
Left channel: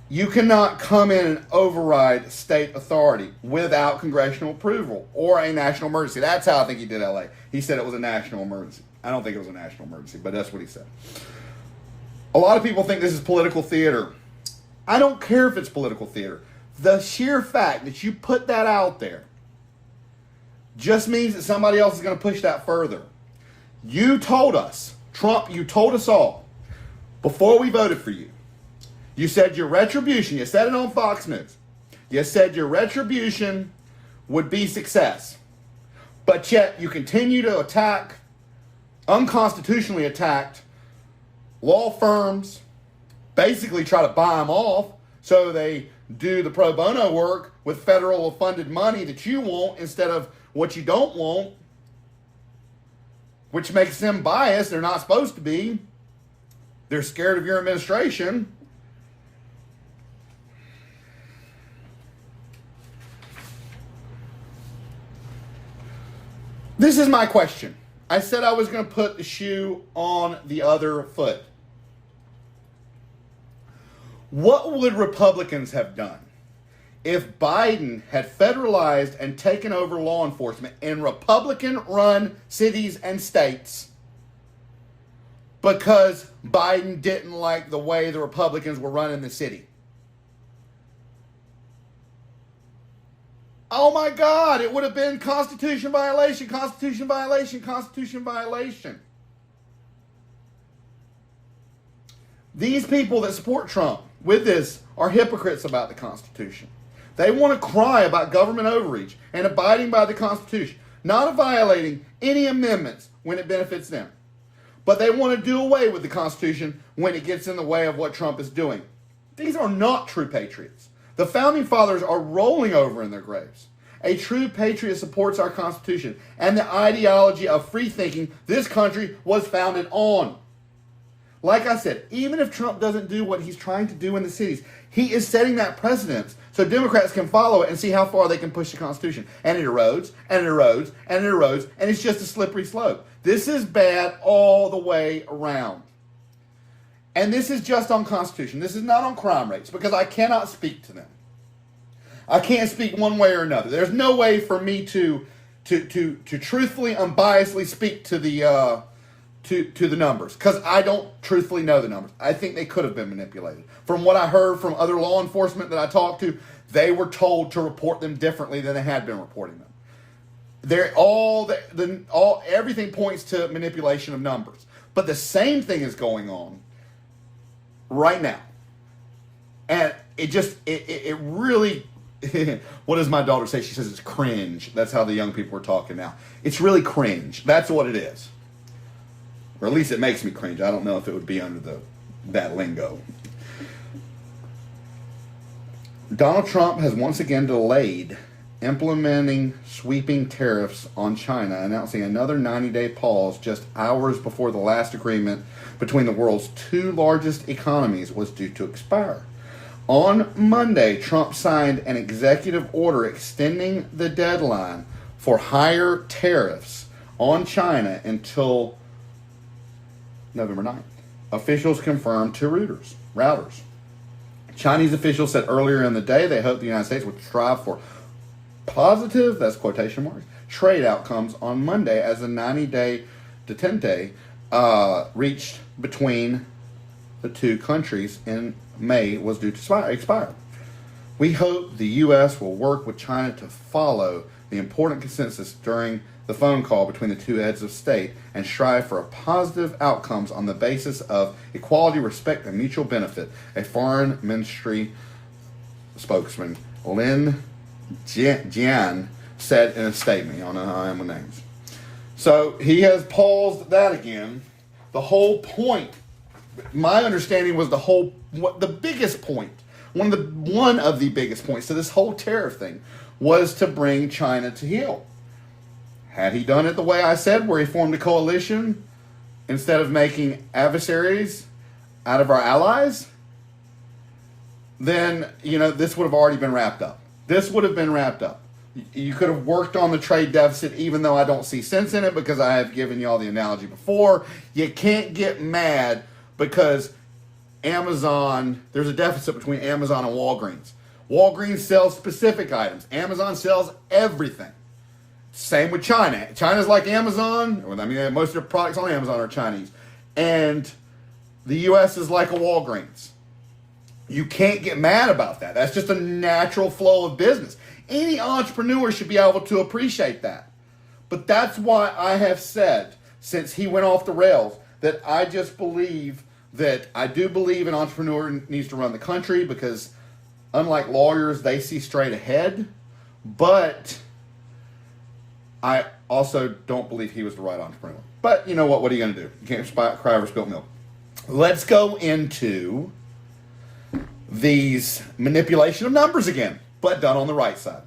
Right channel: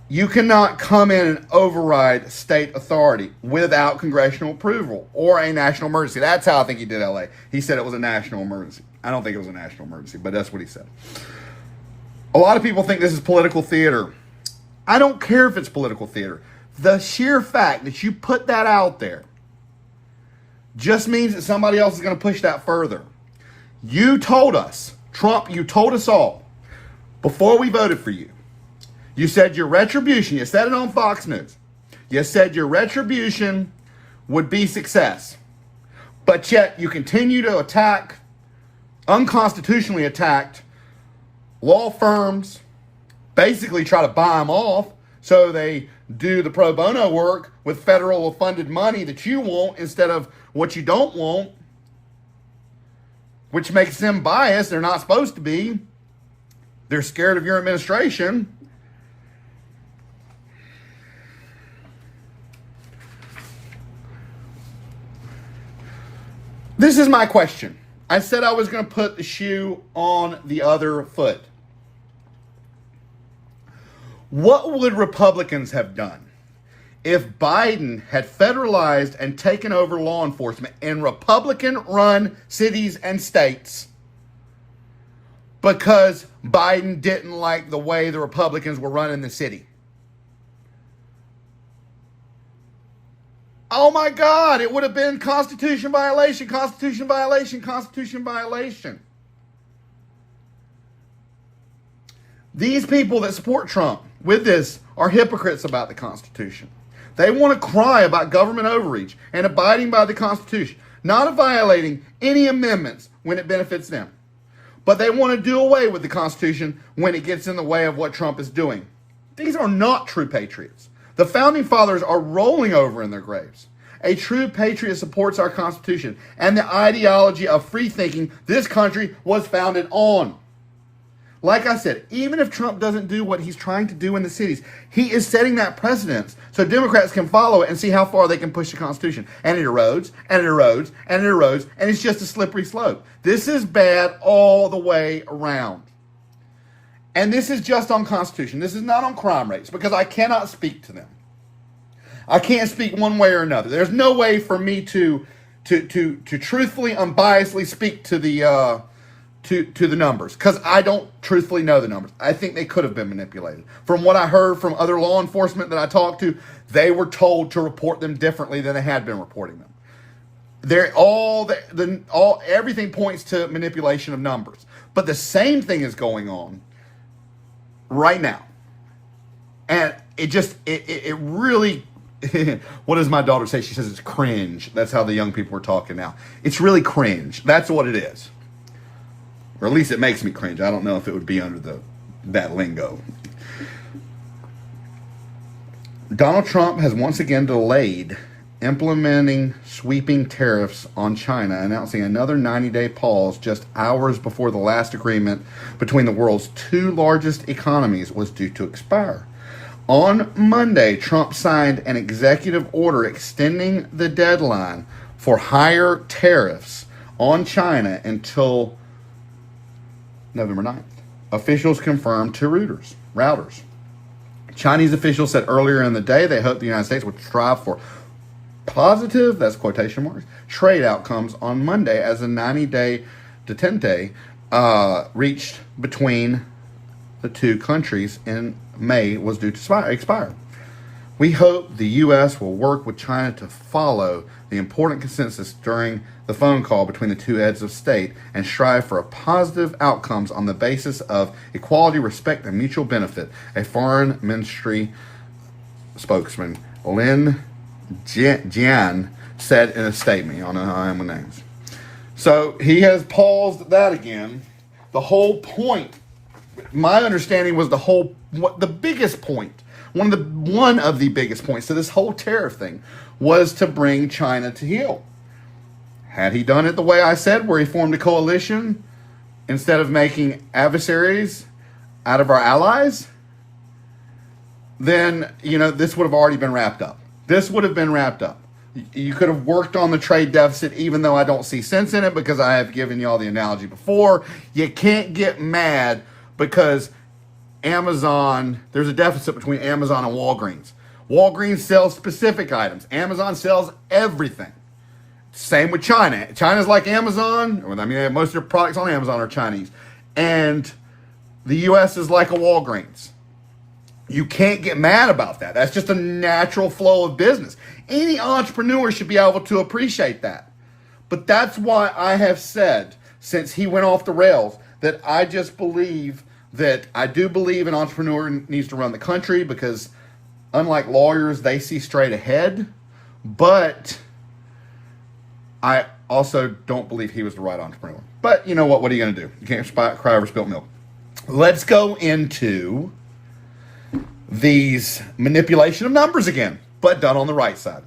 you cannot come in and override state authority without congressional approval or a national emergency. That's how I think he did LA. He said it was a national emergency. I don't think it was a national emergency, but that's what he said. A lot of people think this is political theater. I don't care if it's political theater. The sheer fact that you put that out there just means that somebody else is going to push that further. You told us, Trump, you told us all, before we voted for you, you said your retribution, you said it on Fox News, you said your retribution would be success. But yet you continue to attack, unconstitutionally attacked, law firms, basically try to buy them off so they do the pro bono work with federal funded money that you want instead of what you don't want, which makes them biased. They're not supposed to be. They're scared of your administration. This is my question. I said I was going to put the shoe on the other foot. What would Republicans have done if Biden had federalized and taken over law enforcement in Republican-run cities and states because Biden didn't like the way the Republicans were running the city? Oh my God, it would have been Constitution violation, Constitution violation, Constitution violation. These people that support Trump with this are hypocrites about the Constitution. They want to cry about government overreach and abiding by the Constitution, not violating any amendments when it benefits them. But they want to do away with the Constitution when it gets in the way of what Trump is doing. These are not true patriots. The Founding Fathers are rolling over in their graves. A true patriot supports our Constitution and the ideology of free thinking this country was founded on. Like I said, even if Trump doesn't do what he's trying to do in the cities, he is setting that precedence so Democrats can follow it and see how far they can push the Constitution. And it erodes, and it erodes, and it erodes, and it's just a slippery slope. This is bad all the way around. And this is just on Constitution. This is not on crime rates, because I cannot speak to them. I can't speak one way or another. There's no way for me to truthfully, unbiasedly speak to the to the numbers, because I don't truthfully know the numbers. I think they could have been manipulated. From what I heard from other law enforcement that I talked to, they were told to report them differently than they had been reporting them. Everything points to manipulation of numbers. But the same thing is going on right now. And it really, what does my daughter say? She says it's cringe. That's how the young people are talking now. It's really cringe. That's what it is. Or at least it makes me cringe. I don't know if it would be under that lingo. Donald Trump has once again delayed implementing sweeping tariffs on China, announcing another 90-day pause just hours before the last agreement between the world's two largest economies was due to expire. On Monday, Trump signed an executive order extending the deadline for higher tariffs on China until November 9th. Officials confirmed to Reuters. Chinese officials said earlier in the day they hoped the United States would strive for positive, that's quotation marks, trade outcomes on Monday as the 90-day detente reached between the two countries in May was due to expire. We hope the U.S. will work with China to follow the important consensus during the phone call between the two heads of state and strive for positive outcomes on the basis of equality, respect, and mutual benefit, a foreign ministry spokesman, Lin Jian, said in a statement. On the names. So he has paused that again. The whole point, my understanding was the biggest point, one of the biggest points to this whole tariff thing was to bring China to heel. Had he done it the way I said, where he formed a coalition instead of making adversaries out of our allies, then, this would have already been wrapped up. This would have been wrapped up. You could have worked on the trade deficit, even though I don't see sense in it, because I have given you all the analogy before. You can't get mad because Amazon, there's a deficit between Amazon and Walgreens. Walgreens sells specific items. Amazon sells everything. Same with China. China's like Amazon. Most of their products on Amazon are Chinese. And the U.S. is like a Walgreens. You can't get mad about that. That's just a natural flow of business. Any entrepreneur should be able to appreciate that. But that's why I have said, since he went off the rails, that I just believe that I do believe an entrepreneur needs to run the country, because unlike lawyers, they see straight ahead. But I also don't believe he was the right entrepreneur. But you know what? What are you going to do? You can't cry over spilt milk. Let's go into these manipulation of numbers again, but done on the right side.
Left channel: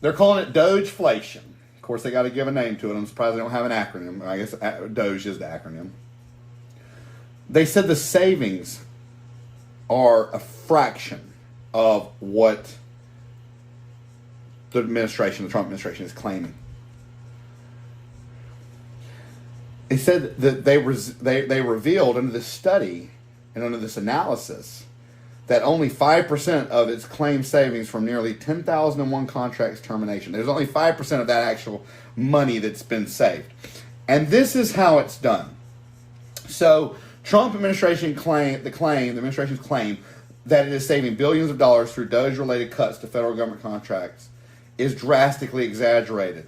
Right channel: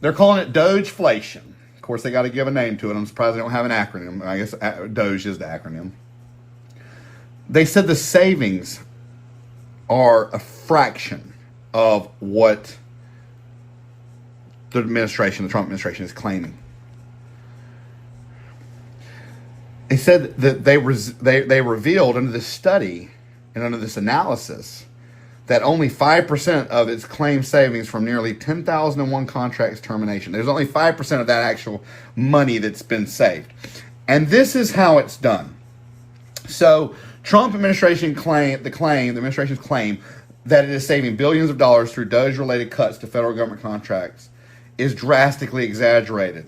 They're calling it Dogeflation. Of course, they got to give a name to it. I'm surprised they don't have an acronym. I guess Doge is the acronym. They said the savings are a fraction of what the Trump administration is claiming. They said that they revealed under this study and under this analysis that only 5% of its claimed savings from nearly 10,001 contracts termination. There's only 5% of that actual money that's been saved. And this is how it's done. So Trump administration the administration's claim that it is saving billions of dollars through Doge-related cuts to federal government contracts is drastically exaggerated.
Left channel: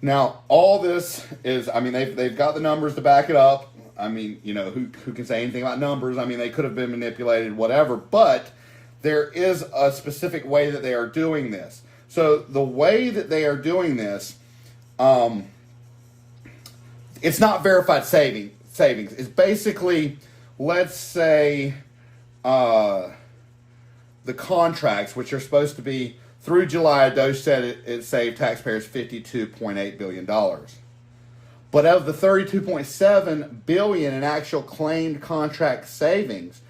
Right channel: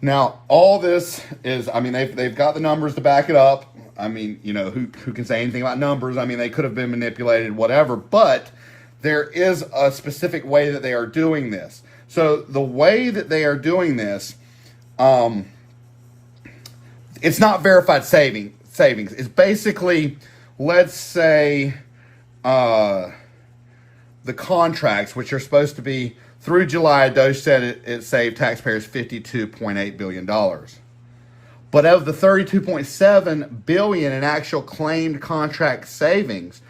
Now, all this is, they've got the numbers to back it up. Who can say anything about numbers? They could have been manipulated, whatever, but there is a specific way that they are doing this. So the way that they are doing this, it's not verified savings. It's basically, let's say, the contracts, which are supposed to be through July, Doge said it saved taxpayers $52.8 billion. But of the 32.7 billion in actual claimed contract savings,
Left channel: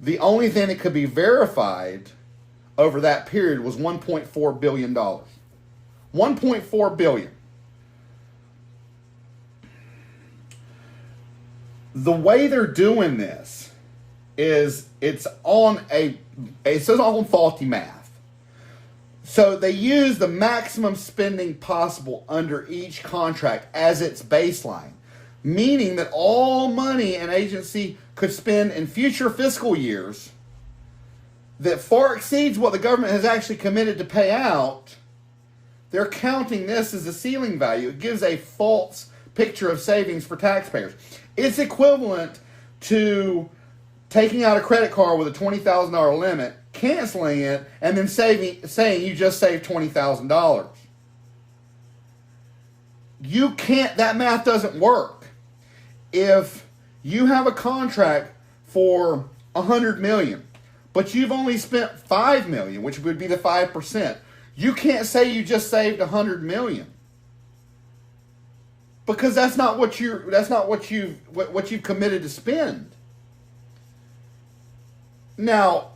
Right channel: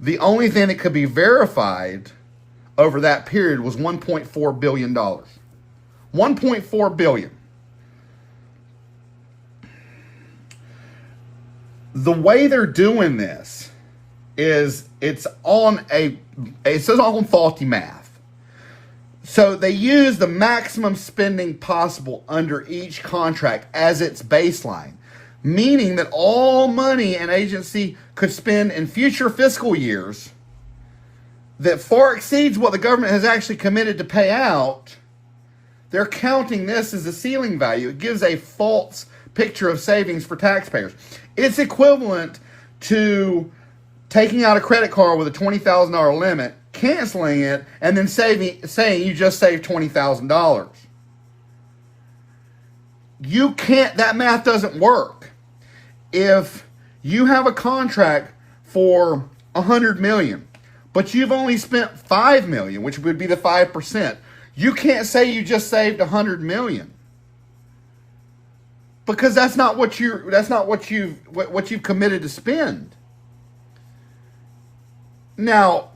the only thing that could be verified over that period was $1.4 billion. $1.4 billion. The way they're doing this is it's on faulty math. So they use the maximum spending possible under each contract as its baseline, meaning that all money an agency could spend in future fiscal years that far exceeds what the government has actually committed to pay out, they're counting this as a ceiling value. It gives a false picture of savings for taxpayers. It's equivalent to taking out a credit card with a $20,000 limit, canceling it, and then saying you just saved $20,000. You can't, that math doesn't work. If you have a contract for $100 million, but you've only spent $5 million, which would be the 5%, you can't say you just saved $100 million. Because that's not what you've committed to spend. Now,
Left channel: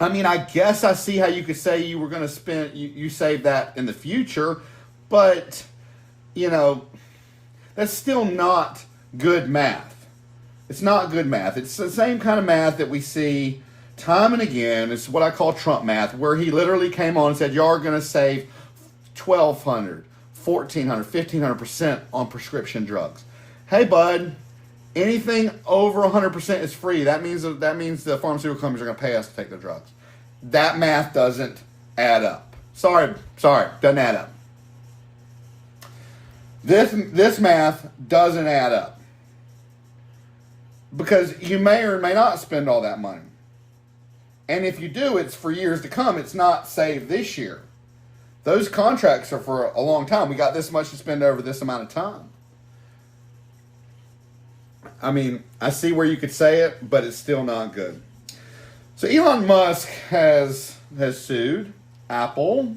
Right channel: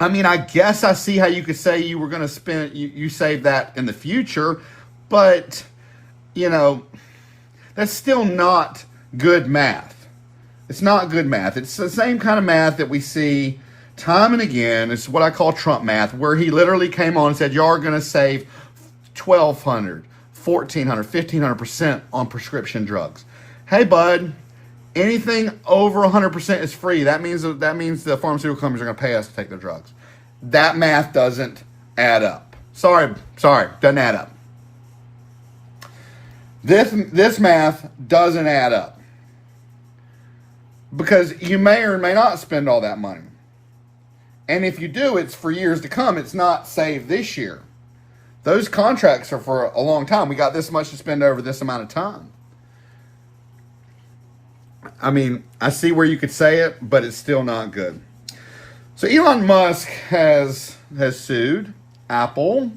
I mean, I guess I see how you could say you were going to spend, you saved that in the future, but, you know, that's still not good math. It's not good math. It's the same kind of math that we see time and again. It's what I call Trump math, where he literally came on and said, y'all are going to save 1,200, 1,400, 1,500% on prescription drugs. Hey, bud, anything over 100% is free. That means the pharmaceutical companies are going to pay us to take the drugs. That math doesn't add up. Sorry, doesn't add up. This math doesn't add up. Because you may or may not spend all that money. And if you do, it's for years to come. It's not saved this year. Those contracts are for a long time. We got this much to spend over this amount of time. I mean, I see where you could say it, but it's still not good. So Elon Musk has sued Apple.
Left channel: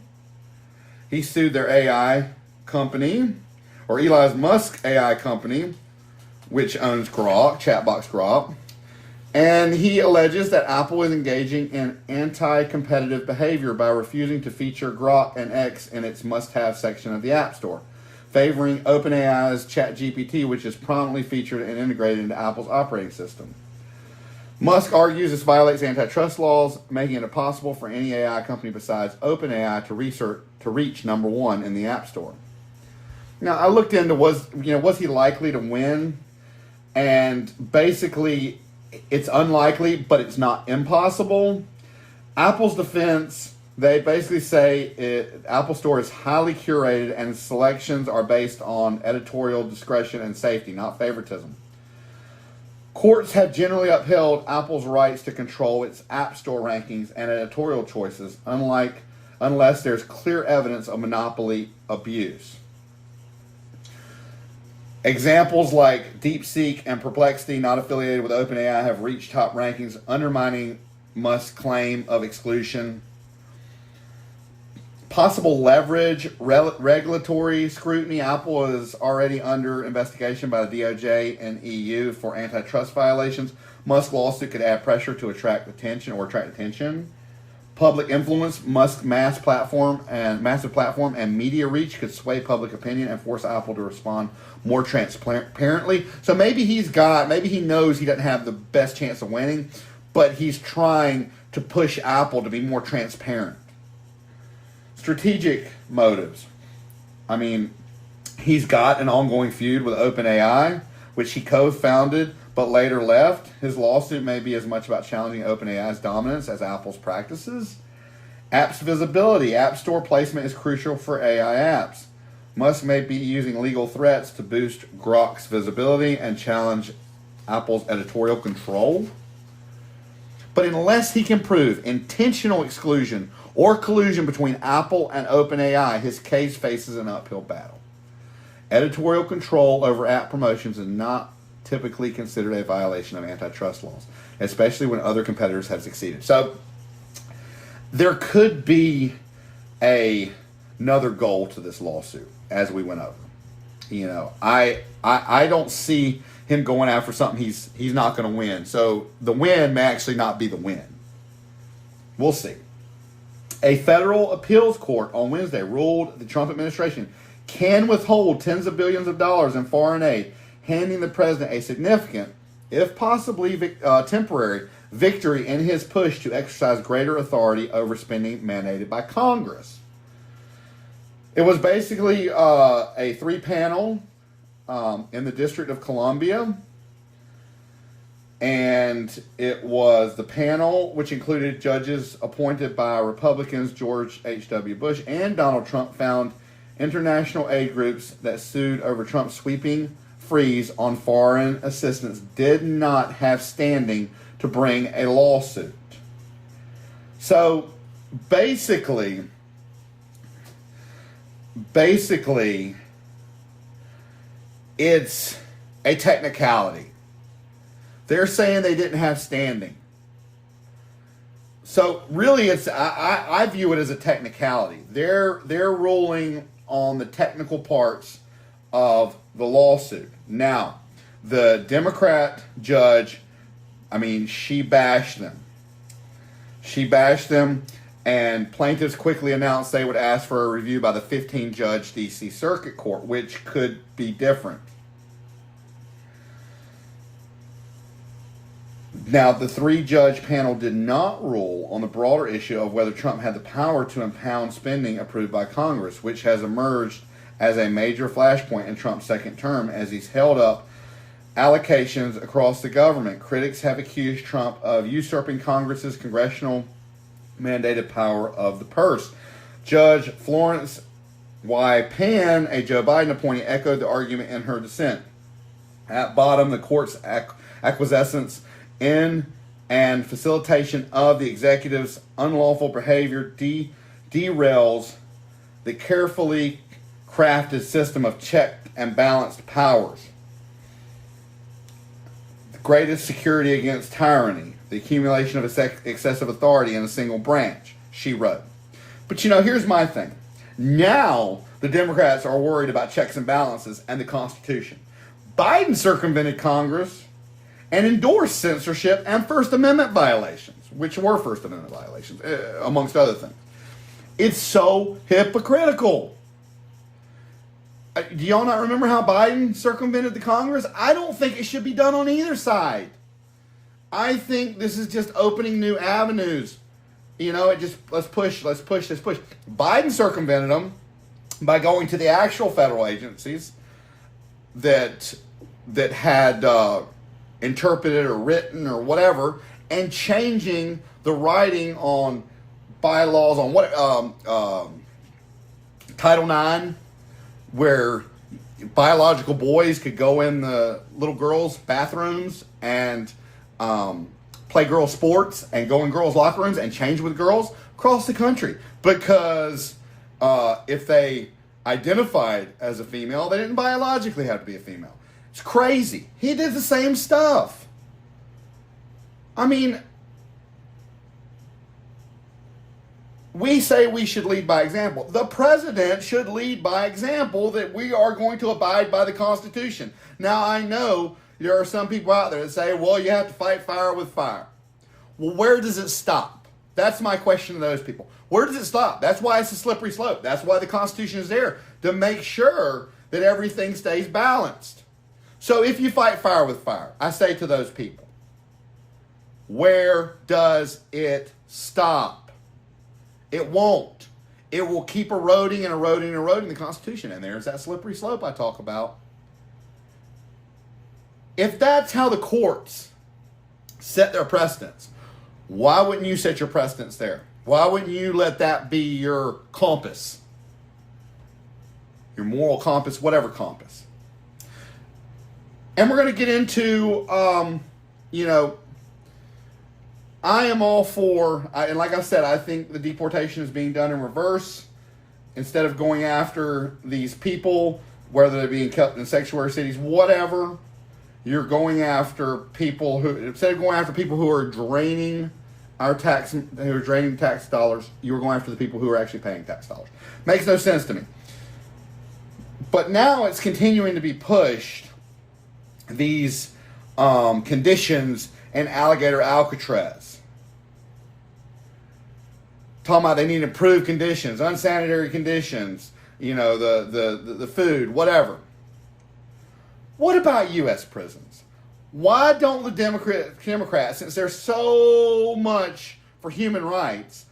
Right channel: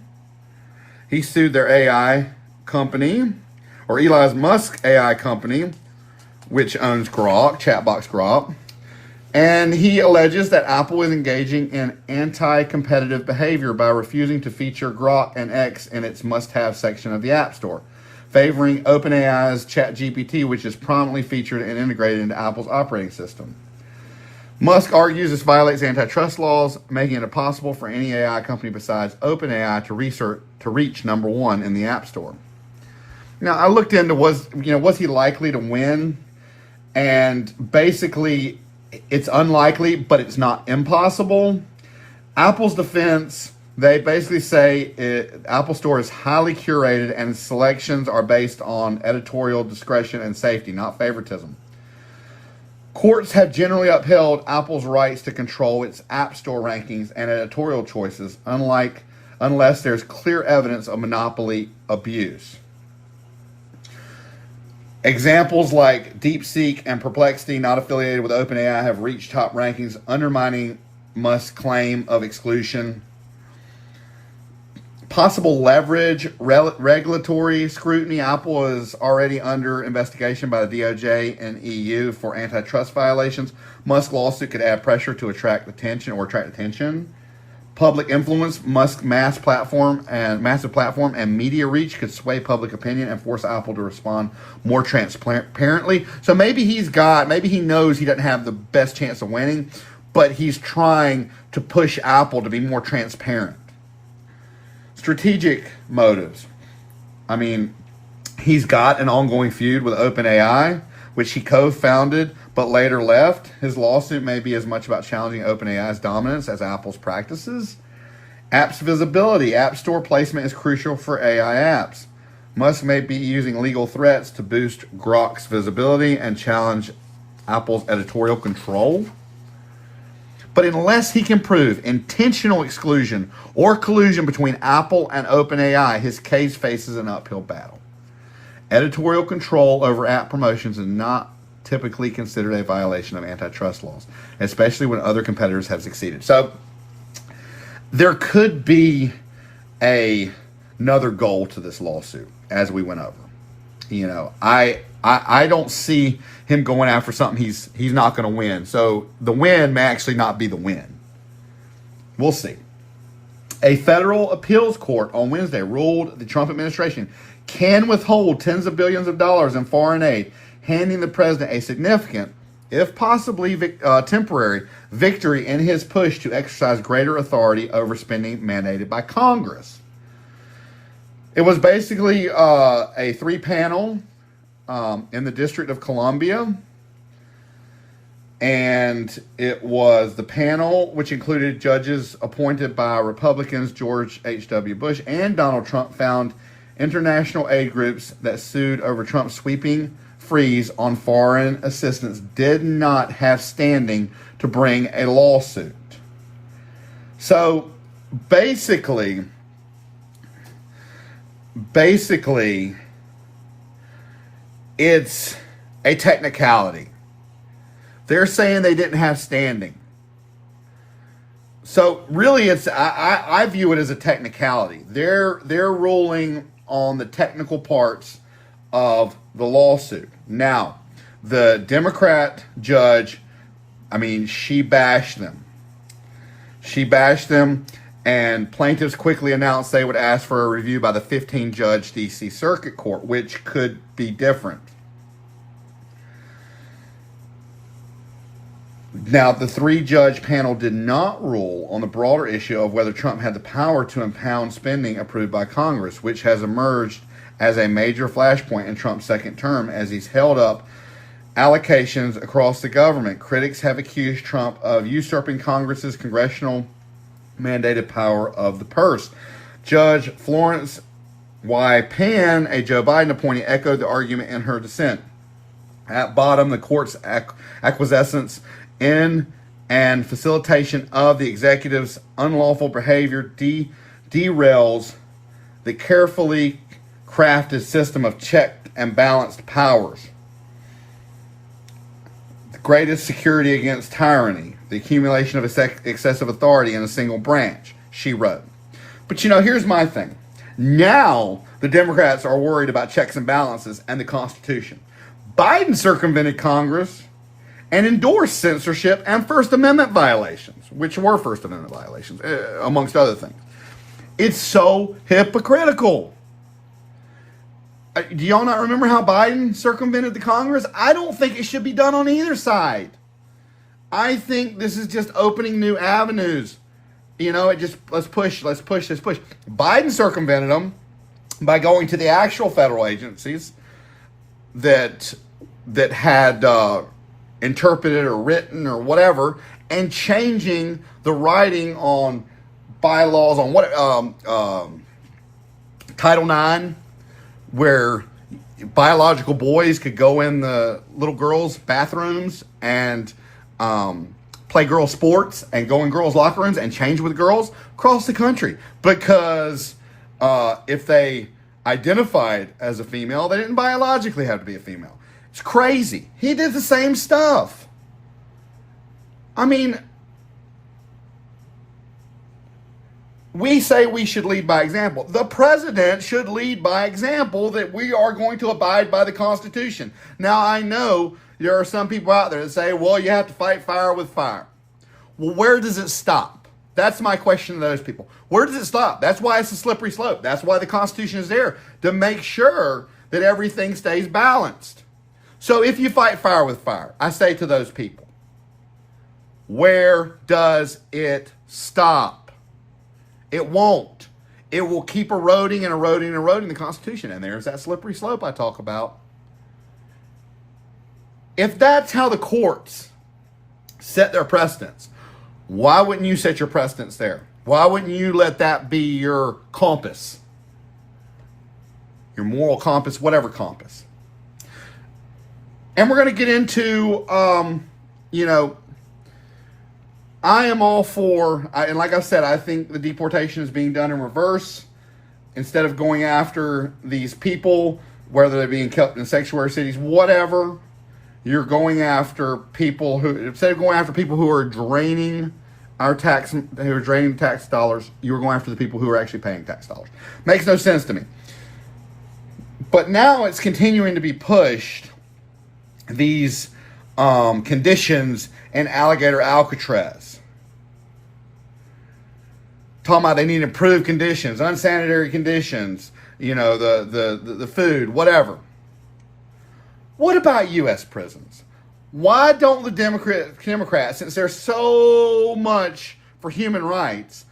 He sued their AI company, or Elon Musk AI company, which owns Grok, chatbox Grok. And he alleges that Apple is engaging in anti-competitive behavior by refusing to feature Grok and X in its must-have section of the App Store, favoring OpenAI's ChatGPT, which is prominently featured and integrated into Apple's operating system. Musk argues this violates antitrust laws, making it impossible for any AI company besides OpenAI to reach number one in the App Store. Now, I looked into was he likely to win? And basically, it's unlikely, but it's not impossible. Apple's defense, they basically say Apple Store is highly curated and selections are based on editorial discretion and safety, not favoritism. Courts have generally upheld Apple's rights to control its App Store rankings and editorial choices, unless there's clear evidence of monopoly abuse. Examples like DeepSeek and Perplexity, not affiliated with OpenAI, have reached top rankings, undermining Musk's claim of exclusion. Possible leverage, regulatory scrutiny. Apple is already under investigation by the DOJ and EU for antitrust violations. Musk's lawsuit could add pressure to attract attention. Public influence, Musk's massive platform and media reach could sway public opinion and force Apple to respond more transparently. So maybe he knows he doesn't have the best chance of winning, but he's trying to push Apple to be more transparent. Strategic motives. I mean, he's got an ongoing feud with OpenAI, which he co-founded but later left. His lawsuit may be as much about challenging OpenAI's dominance as Apple's practices. Apps visibility. App Store placement is crucial for AI apps. Musk may be using legal threats to boost Grok's visibility and challenge Apple's editorial control. But unless he can prove intentional exclusion or collusion between Apple and OpenAI, his case faces an uphill battle. Editorial control over app promotions is not typically considered a violation of antitrust laws, especially when other competitors have succeeded. So there could be another goal to this lawsuit, as we went over. I don't see him going after something he's not going to win. So the win may actually not be the win. We'll see. A federal appeals court on Wednesday ruled the Trump administration can withhold tens of billions of dollars in foreign aid, handing the president a significant, if possibly temporary, victory in his push to exercise greater authority over spending mandated by Congress. It was basically a three-panel in the District of Columbia, and it was the panel, which included judges appointed by Republicans George H.W. Bush and Donald Trump, found international aid groups that sued over Trump's sweeping freeze on foreign assistance did not have standing to bring a lawsuit. So basically, it's a technicality. They're saying they didn't have standing. So really, I view it as a technicality. They're ruling on the technical parts of the lawsuit. Now, the Democrat judge, she bashed them. And plaintiffs quickly announced they would ask for a review by the 15-judge D.C. Circuit Court, which could be different. Now, the three-judge panel did not rule on the broader issue of whether Trump had the power to impound spending approved by Congress, which has emerged as a major flashpoint in Trump's second term as he's held up allocations across the government. Critics have accused Trump of usurping Congress's congressional mandated power of the purse. Judge Florence Y. Penn, a Joe Biden appointee, echoed the argument in her dissent. At bottom, the court's acquiescence in and facilitation of the executive's unlawful behavior derails the carefully crafted system of checked and balanced powers. The greatest security against tyranny, the accumulation of excessive authority in a single branch, she wrote. But here's my thing. Now the Democrats are worried about checks and balances and the Constitution. Biden circumvented Congress and endorsed censorship and First Amendment violations, which were First Amendment violations, amongst other things. It's so hypocritical. Do y'all not remember how Biden circumvented the Congress? I don't think it should be done on either side. I think this is just opening new avenues. Let's push. Biden circumvented them by going to the actual federal agencies that had interpreted or written or whatever, and changing the writing on bylaws on Title IX, where biological boys could go in the little girls' bathrooms and play girl sports and go in girls' locker rooms and change with girls across the country. Because if they identified as a female, they didn't biologically have to be a female. It's crazy. He did the same stuff. We say we should lead by example. The president should lead by example that we are going to abide by the Constitution. Now, I know there are some people out there that say, well, you have to fight fire with fire. Well, where does it stop? That's my question to those people. Where does it stop? That's why it's a slippery slope. That's why the Constitution is there, to make sure that everything stays balanced. So if you fight fire with fire, I say to those people, where does it stop? It won't. It will keep eroding and eroding and eroding the Constitution. And there's that slippery slope I talk about. If that's how the courts set their precedents, why wouldn't you set your precedents there? Why wouldn't you let that be your compass? Your moral compass, whatever compass. And we're going to get into, I am all for, and like I said, I think the deportation is being done in reverse. Instead of going after these people, whether they're being kept in sanctuary cities, whatever, you're going after people instead of going after people who are draining tax dollars, you're going after the people who are actually paying tax dollars. Makes no sense to me. But now it's continuing to be pushed, these conditions in Alligator Alcatraz. Talking about they need improved conditions, unsanitary conditions, the food, whatever. What about U.S. prisons? Why don't the Democrats, since they're so much for human rights,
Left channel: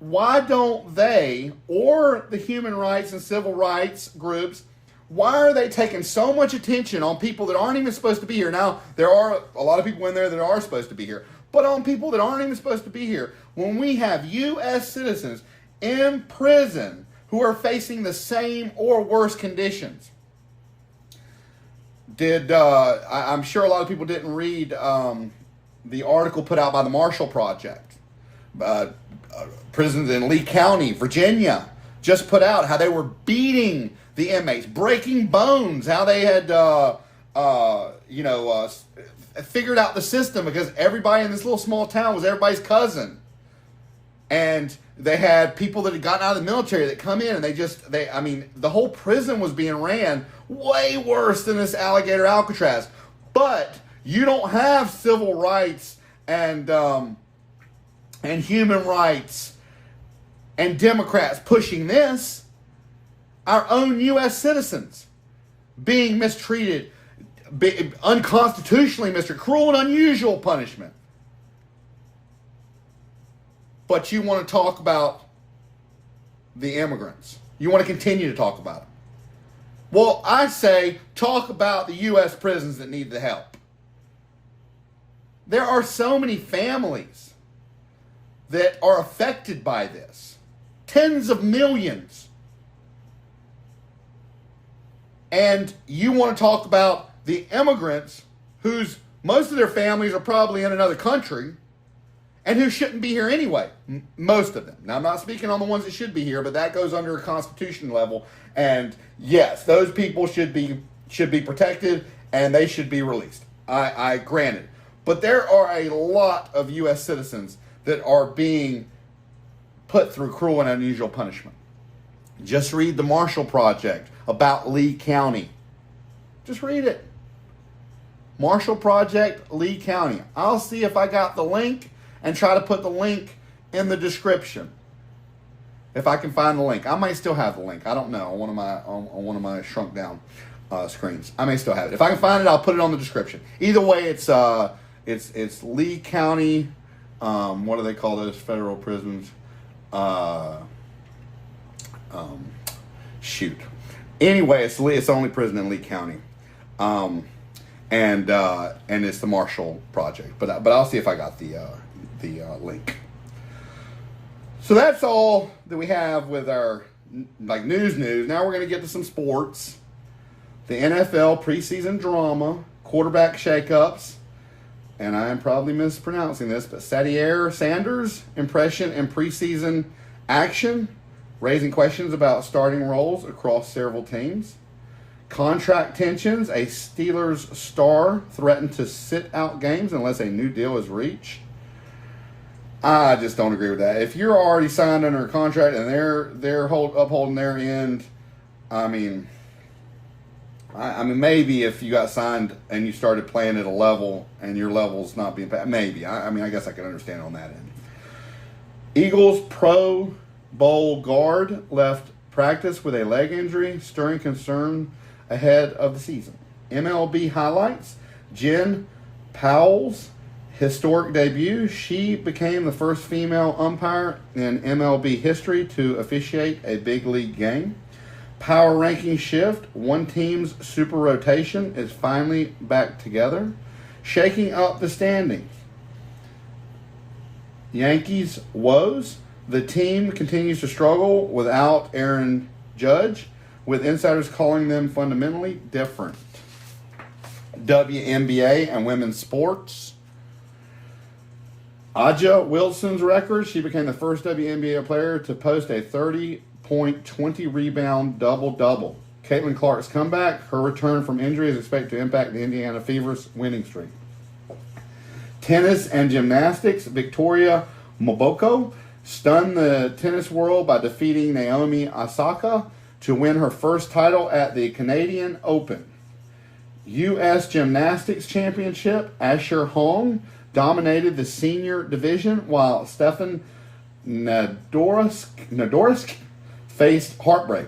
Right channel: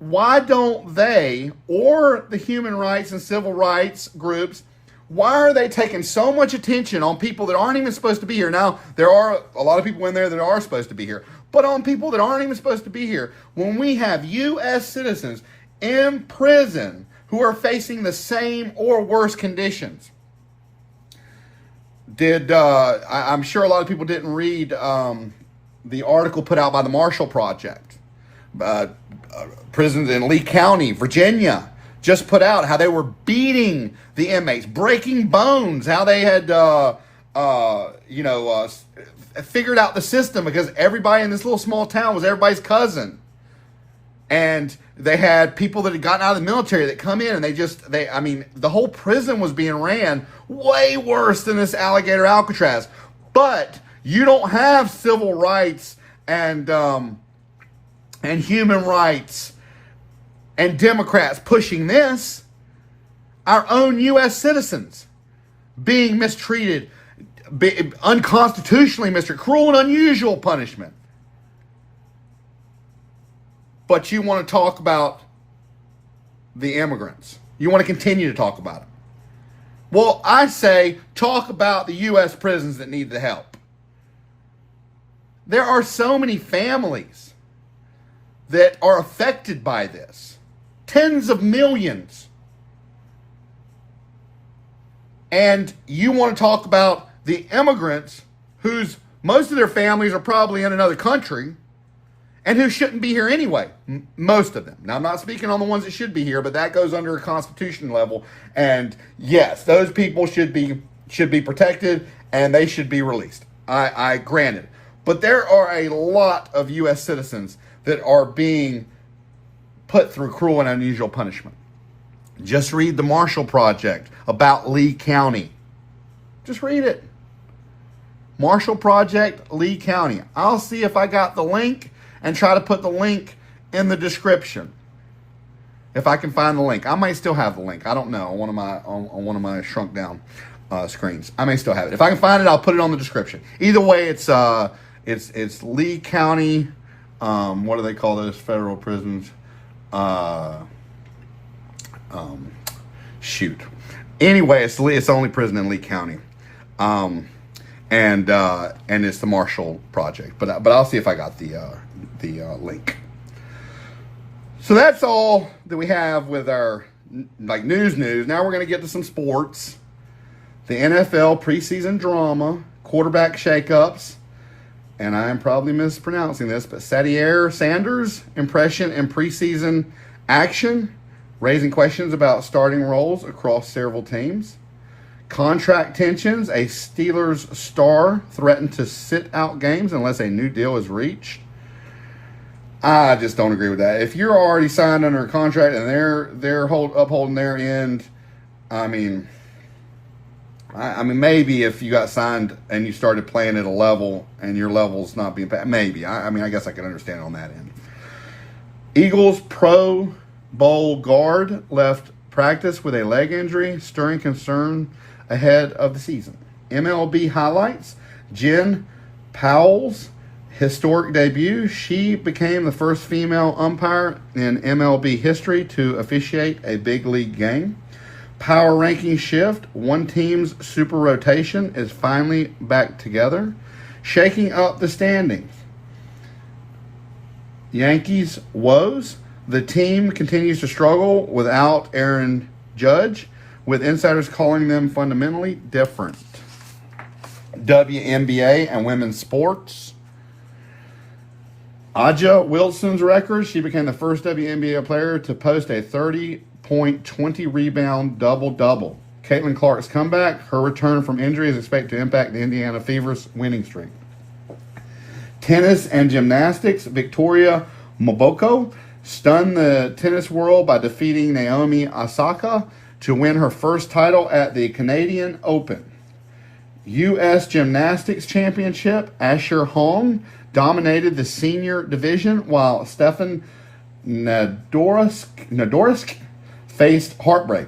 why don't they, or the human rights and civil rights groups, why are they taking so much attention on people that aren't even supposed to be here? Now, there are a lot of people in there that are supposed to be here, but on people that aren't even supposed to be here, when we have U.S. citizens in prison who are facing the same or worse conditions. I'm sure a lot of people didn't read the article put out by the Marshall Project. Prisons in Lee County, Virginia, just put out how they were beating the inmates, breaking bones, how they had, figured out the system because everybody in this little small town was everybody's cousin. And they had people that had gotten out of the military that come in and the whole prison was being ran way worse than this Alligator Alcatraz. But you don't have civil rights and human rights and Democrats pushing this. Our own U.S. citizens being mistreated, unconstitutionally mistreated, cruel and unusual punishment. But you want to talk about the immigrants. You want to continue to talk about them. Well, I say talk about the U.S. prisons that need the help. There are so many families that are affected by this. Tens of millions. And you want to talk about the immigrants whose most of their families are probably in another country and who shouldn't be here anyway. Most of them. Now, I'm not speaking on the ones that should be here, but that goes under a constitution level. And yes, those people should be protected and they should be released. I grant it. But there are a lot of U.S. citizens that are being put through cruel and unusual punishment. Just read the Marshall Project about Lee County. Just read it. Marshall Project, Lee County. I'll see if I got the link and try to put the link in the description. If I can find the link. I may still have the link. I don't know. On one of my shrunk down screens. I may still have it. If I can find it, I'll put it on the description. Either way, it's Lee County. What do they call those federal prisons? Anyway, it's the only prison in Lee County, and it's the Marshall Project. But I'll see if I got the link. So that's all that we have with our news. Now we're gonna get to some sports. The NFL preseason drama, quarterback shakeups, and I'm probably mispronouncing this, but Sadier Sanders' impression in preseason action, raising questions about starting roles across several teams. Contract tensions, a Steelers star threatened to sit out games unless a new deal is reached. I just don't agree with that. If you're already signed under a contract and they're upholding their end, I mean, maybe if you got signed and you started playing at a level and your level's not being bad, maybe. I guess I can understand on that end. Eagles Pro Bowl guard left practice with a leg injury, stirring concern ahead of the season. MLB highlights, Jen Powell's historic debut. She became the first female umpire in MLB history to officiate a big league game. Power ranking shift. One team's super rotation is finally back together, shaking up the standings. Yankees woes. The team continues to struggle without Aaron Judge, with insiders calling them fundamentally different. WNBA and women's sports. Aja Wilson's record. She became the first WNBA player to post a 30-point, 20-rebound double-double. Caitlin Clark's comeback. Her return from injury is expected to impact the Indiana Fever's winning streak. Tennis and gymnastics. Victoria Moboko stunned the tennis world by defeating Naomi Osaka to win her first title at the Canadian Open. U.S. Gymnastics Championship, Asher Hong dominated the senior division while Stefan Nadorsk faced heartbreak.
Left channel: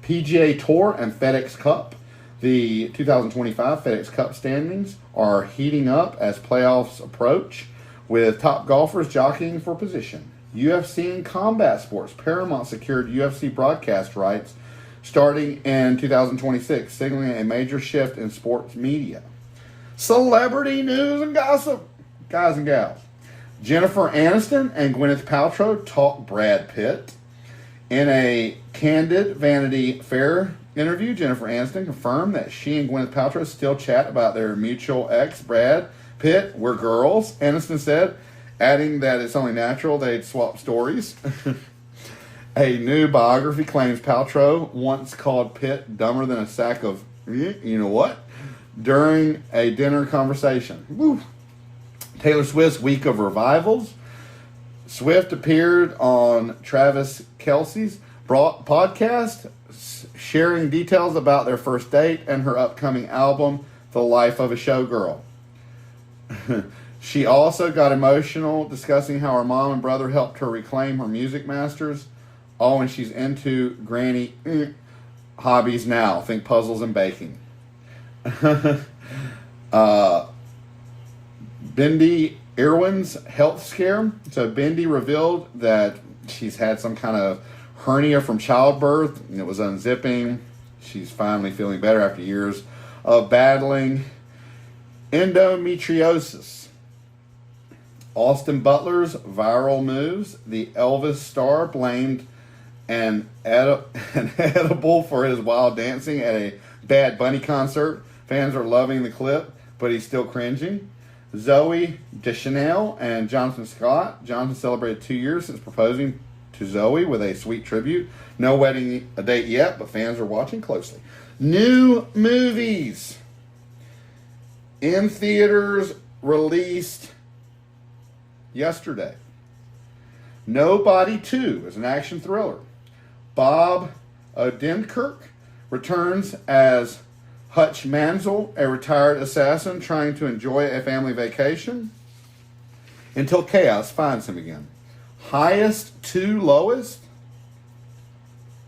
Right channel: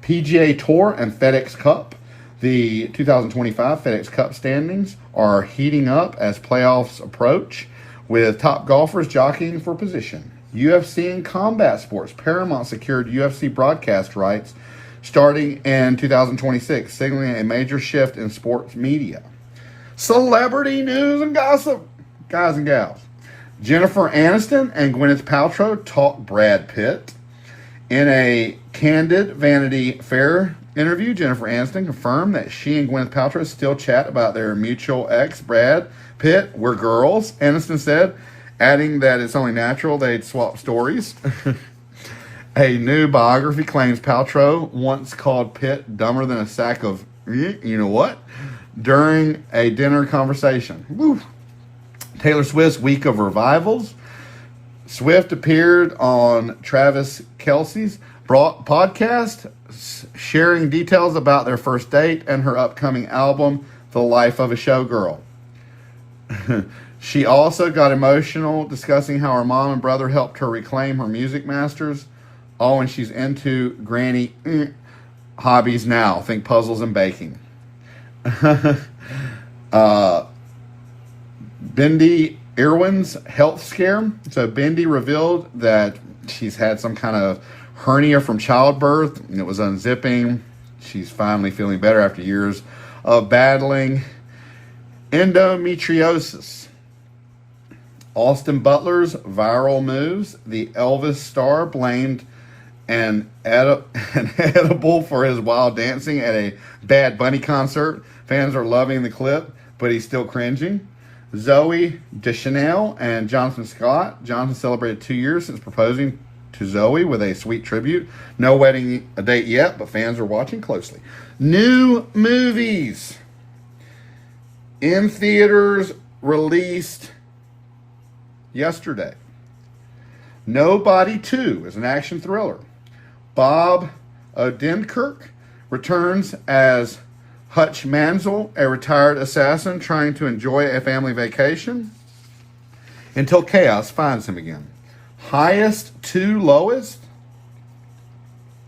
PGA Tour and FedEx Cup. The 2025 FedEx Cup standings are heating up as playoffs approach, with top golfers jockeying for position. UFC and combat sports. Paramount secured UFC broadcast rights starting in 2026, signaling a major shift in sports media. Celebrity news and gossip, guys and gals. Jennifer Aniston and Gwyneth Paltrow talk Brad Pitt. In a candid Vanity Fair interview, Jennifer Aniston confirmed that she and Gwyneth Paltrow still chat about their mutual ex, Brad Pitt. We're girls, Aniston said, adding that it's only natural they'd swap stories. A new biography claims Paltrow once called Pitt dumber than a sack of, you know what, during a dinner conversation. Woo. Taylor Swift's Week of Revivals. Swift appeared on Travis Kelce's podcast, sharing details about their first date and her upcoming album, The Life of a Showgirl. She also got emotional discussing how her mom and brother helped her reclaim her music masters. Oh, and she's into granny hobbies now. Think puzzles and baking. Bindi Irwin's health scare. So Bindi revealed that she's had some kind of hernia from childbirth, and it was unzipping. She's finally feeling better after years of battling endometriosis. Austin Butler's viral moves. The Elvis star blamed an edible for his wild dancing at a Bad Bunny concert. Fans are loving the clip, but he's still cringing. Zooey Deschanel and Jonathan Scott. Jonathan celebrated 2 years since proposing to Zoe with a sweet tribute. No wedding date yet, but fans are watching closely. New movies in theaters released yesterday. Nobody 2 is an action thriller. Bob Odenkirk returns as Hutch Mansell, a retired assassin trying to enjoy a family vacation until chaos finds him again. Highest to lowest.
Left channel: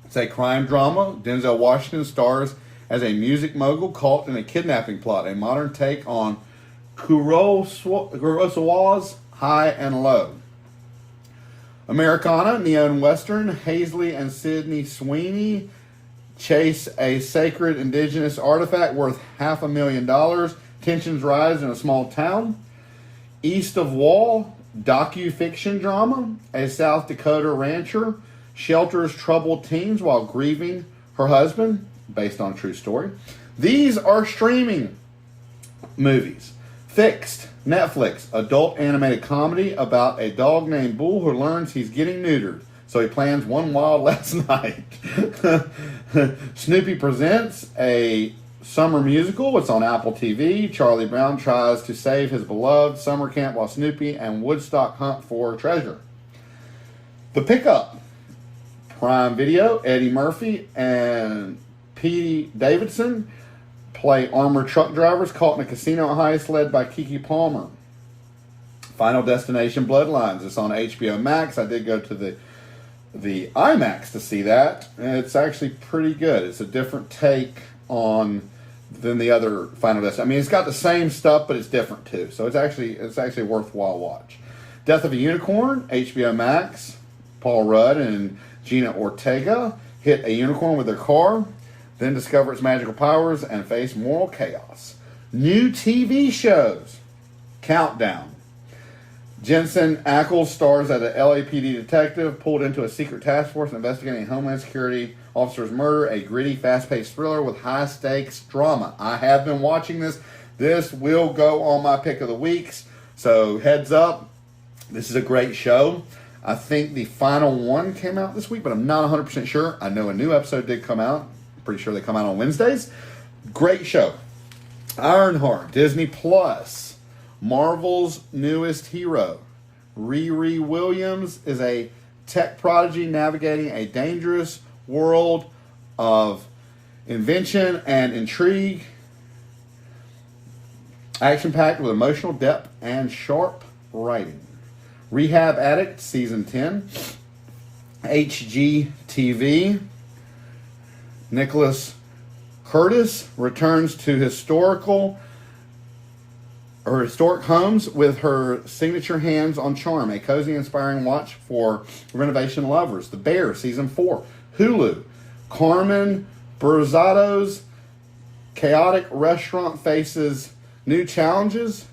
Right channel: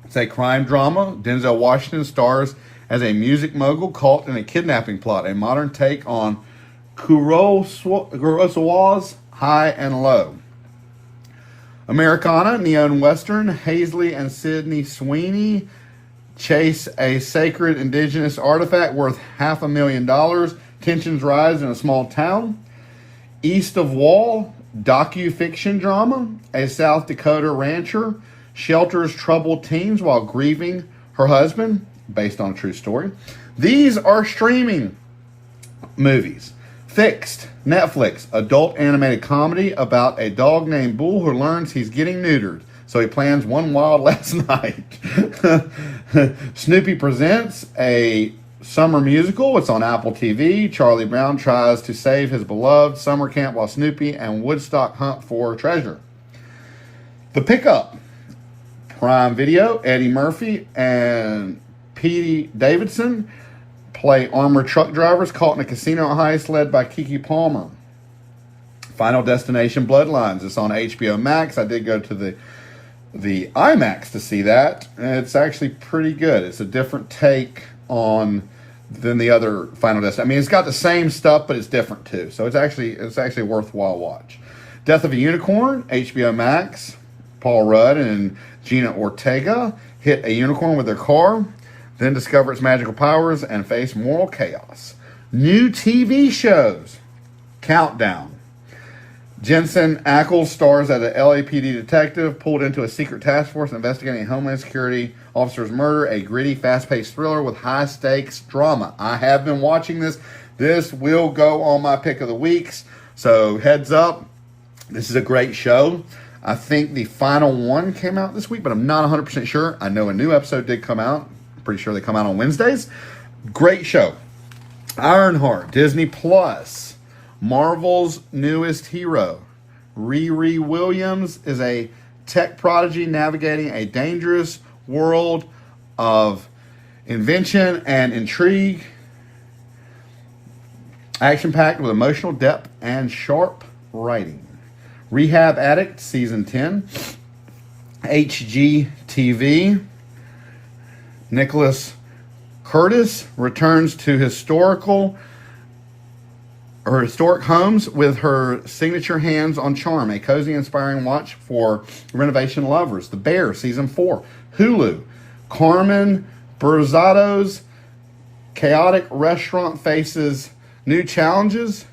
It's a crime drama. Denzel Washington stars as a music mogul caught in a kidnapping plot, a modern take on Kurosawa's High and Low. Americana, neon western. Hazley and Sydney Sweeney chase a sacred indigenous artifact worth $500,000. Tensions rise in a small town. East of Wall, docu-fiction drama. A South Dakota rancher shelters troubled teens while grieving her husband, based on a true story. These are streaming movies. Fixed, Netflix, adult animated comedy about a dog named Bull who learns he's getting neutered, so he plans one wild last night. Snoopy Presents, a summer musical. It's on Apple TV. Charlie Brown tries to save his beloved summer camp while Snoopy and Woodstock hunt for treasure. The Pickup, Prime Video. Eddie Murphy and Pete Davidson play armored truck drivers caught in a casino heist led by Keke Palmer. Final Destination Bloodlines. It's on HBO Max. I did go to the IMAX to see that, and it's actually pretty good. It's a different take on than the other Final Destination. I mean, it's got the same stuff, but it's different too. So it's actually a worthwhile watch. Death of a Unicorn, HBO Max. Paul Rudd and Gina Ortega hit a unicorn with their car, then discover its magical powers and face moral chaos. New TV shows. Countdown. Jensen Ackles stars as a LAPD detective pulled into a secret task force investigating a Homeland Security officer's murder. A gritty, fast-paced thriller with high-stakes drama. I have been watching this. This will go on my pick of the weeks. So heads up. This is a great show. I think the final one came out this week, but I'm not 100% sure. I know a new episode did come out. I'm pretty sure they come out on Wednesdays. Great show. Ironheart, Disney Plus. Marvel's newest hero. Riri Williams is a tech prodigy navigating a dangerous world of invention and intrigue, action-packed with emotional depth and sharp writing. Rehab Addict, Season 10. HGTV. Nicholas Curtis returns to historic homes with her signature hands-on charm. A cozy, inspiring watch for renovation lovers. The Bear, Season 4. Hulu. Carmen Burzado's chaotic restaurant faces new challenges.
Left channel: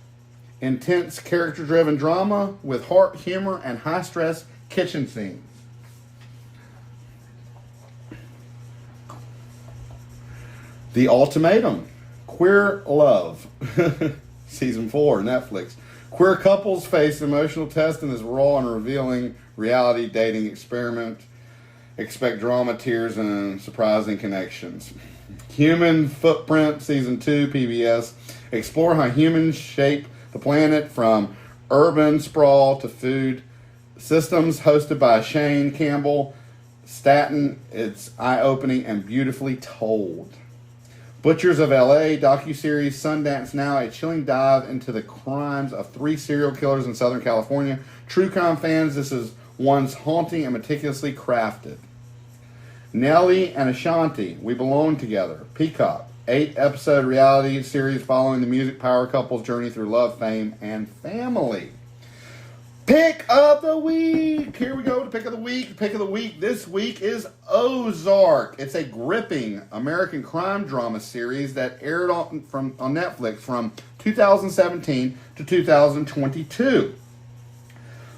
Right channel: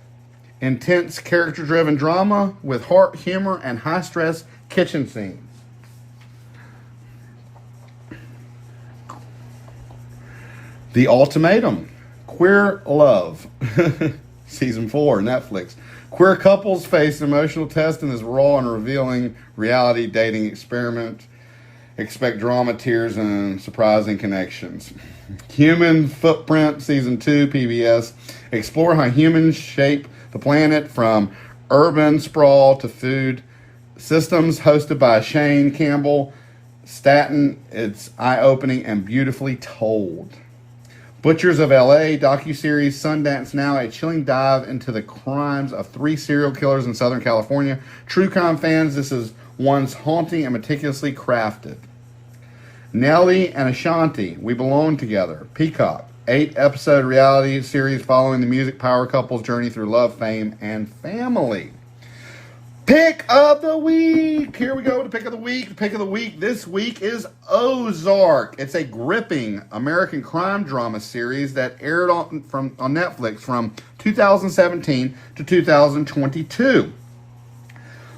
Intense, character-driven drama with heart, humor, and high-stress kitchen scenes. The Ultimatum. Queer Love. Season 4, Netflix. Queer couples face an emotional test in this raw and revealing reality dating experiment. Expect drama, tears, and surprising connections. Human Footprint, Season 2, PBS. Explore how humans shape the planet from urban sprawl to food systems, hosted by Shane Campbell Staton. It's eye-opening and beautifully told. Butchers of L.A. docuseries, Sundance Now, a chilling dive into the crimes of 3 serial killers in Southern California. True crime fans, this is one's haunting and meticulously crafted. Nellie and Ashanti, We Belong Together. Peacock, 8-episode reality series following the music power couple's journey through love, fame, and family. Pick of the week. Here we go to pick of the week. The pick of the week this week is Ozark. It's a gripping American crime drama series that aired on Netflix from 2017 to 2022.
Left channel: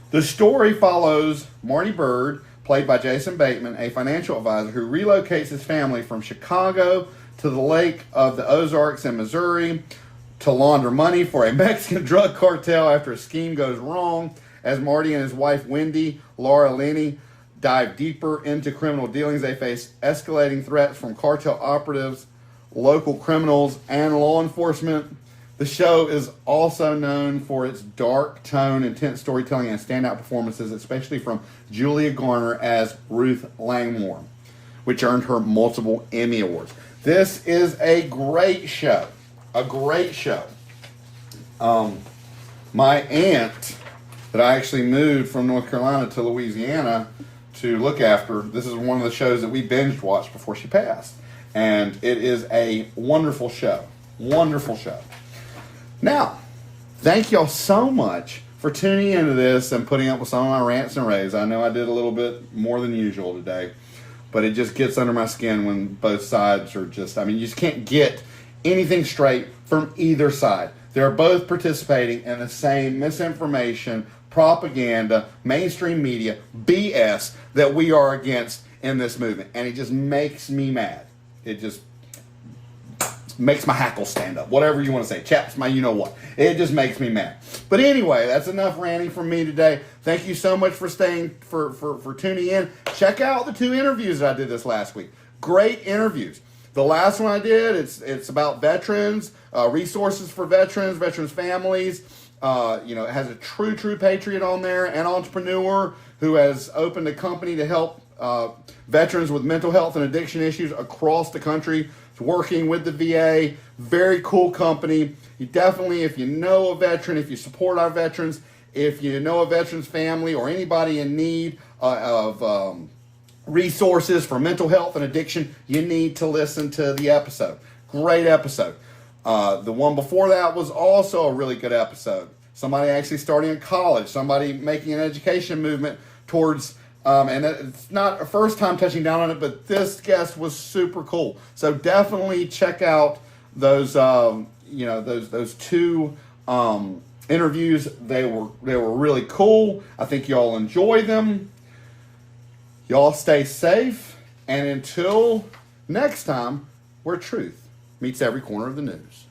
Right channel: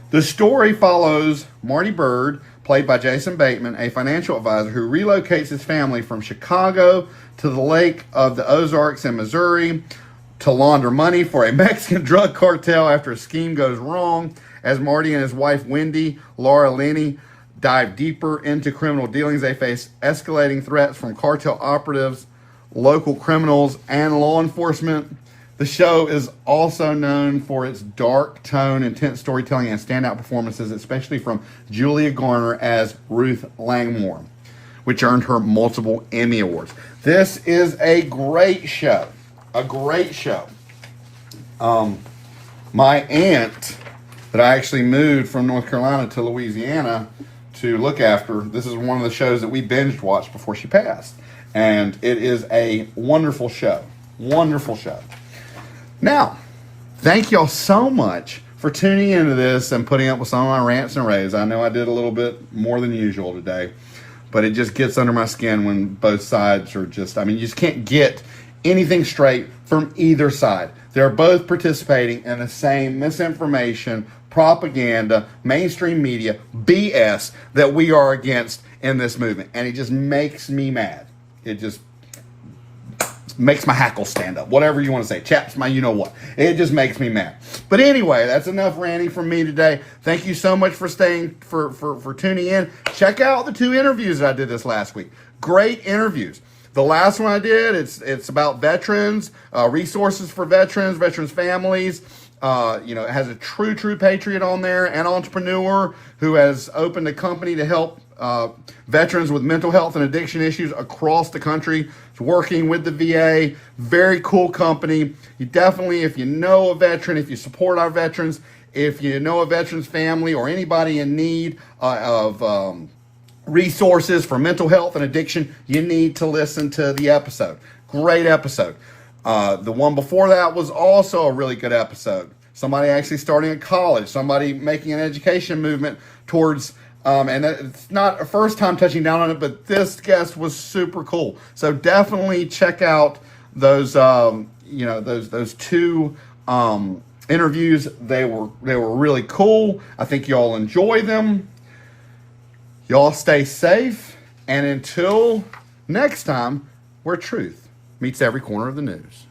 The story follows Marty Bird, played by Jason Bateman, a financial advisor who relocates his family from Chicago to the lake of the Ozarks in Missouri to launder money for a Mexican drug cartel after a scheme goes wrong. As Marty and his wife, Wendy, Laura Linney, dive deeper into criminal dealings, they face escalating threats from cartel operatives, local criminals, and law enforcement. The show is also known for its dark tone, intense storytelling, and standout performances, especially from Julia Garner as Ruth Langmore, which earned her multiple Emmy Awards. This is a great show. A great show. My aunt, that I actually moved from North Carolina to Louisiana to look after, this is one of the shows that we binge watched before she passed. And it is a wonderful show. Wonderful show. Now, thank y'all so much for tuning into this and putting up with some of my rants and raves. I know I did a little bit more than usual today, but it just gets under my skin when both sides are just, you just can't get anything straight from either side. They're both participating in the same misinformation, propaganda, mainstream media, BS that we are against in this movement. And it just makes me mad. It just makes my hackles stand up. Whatever you want to say. Chaps my you-know-what. It just makes me mad. But anyway, that's enough ranting from me today. Thank you so much for staying, for tuning in. Check out the 2 interviews that I did this last week. Great interviews. The last one I did, it's about veterans, resources for veterans families. It has a true patriot on there, an entrepreneur who has opened a company to help veterans with mental health and addiction issues across the country. It's working with the VA. Very cool company. You definitely, if you know a veteran, if you support our veterans, if you know a veteran's family or anybody in need of resources for mental health and addiction, you need to listen to the episode. Great episode. The one before that was also a really good episode. Somebody actually starting in college, somebody making an education movement towards, and it's not a first time touching down on it, but this guest was super cool. So definitely check out those, those 2 interviews. They were really cool. I think y'all enjoy them. Y'all stay safe, and until next time, where truth meets every corner of the news.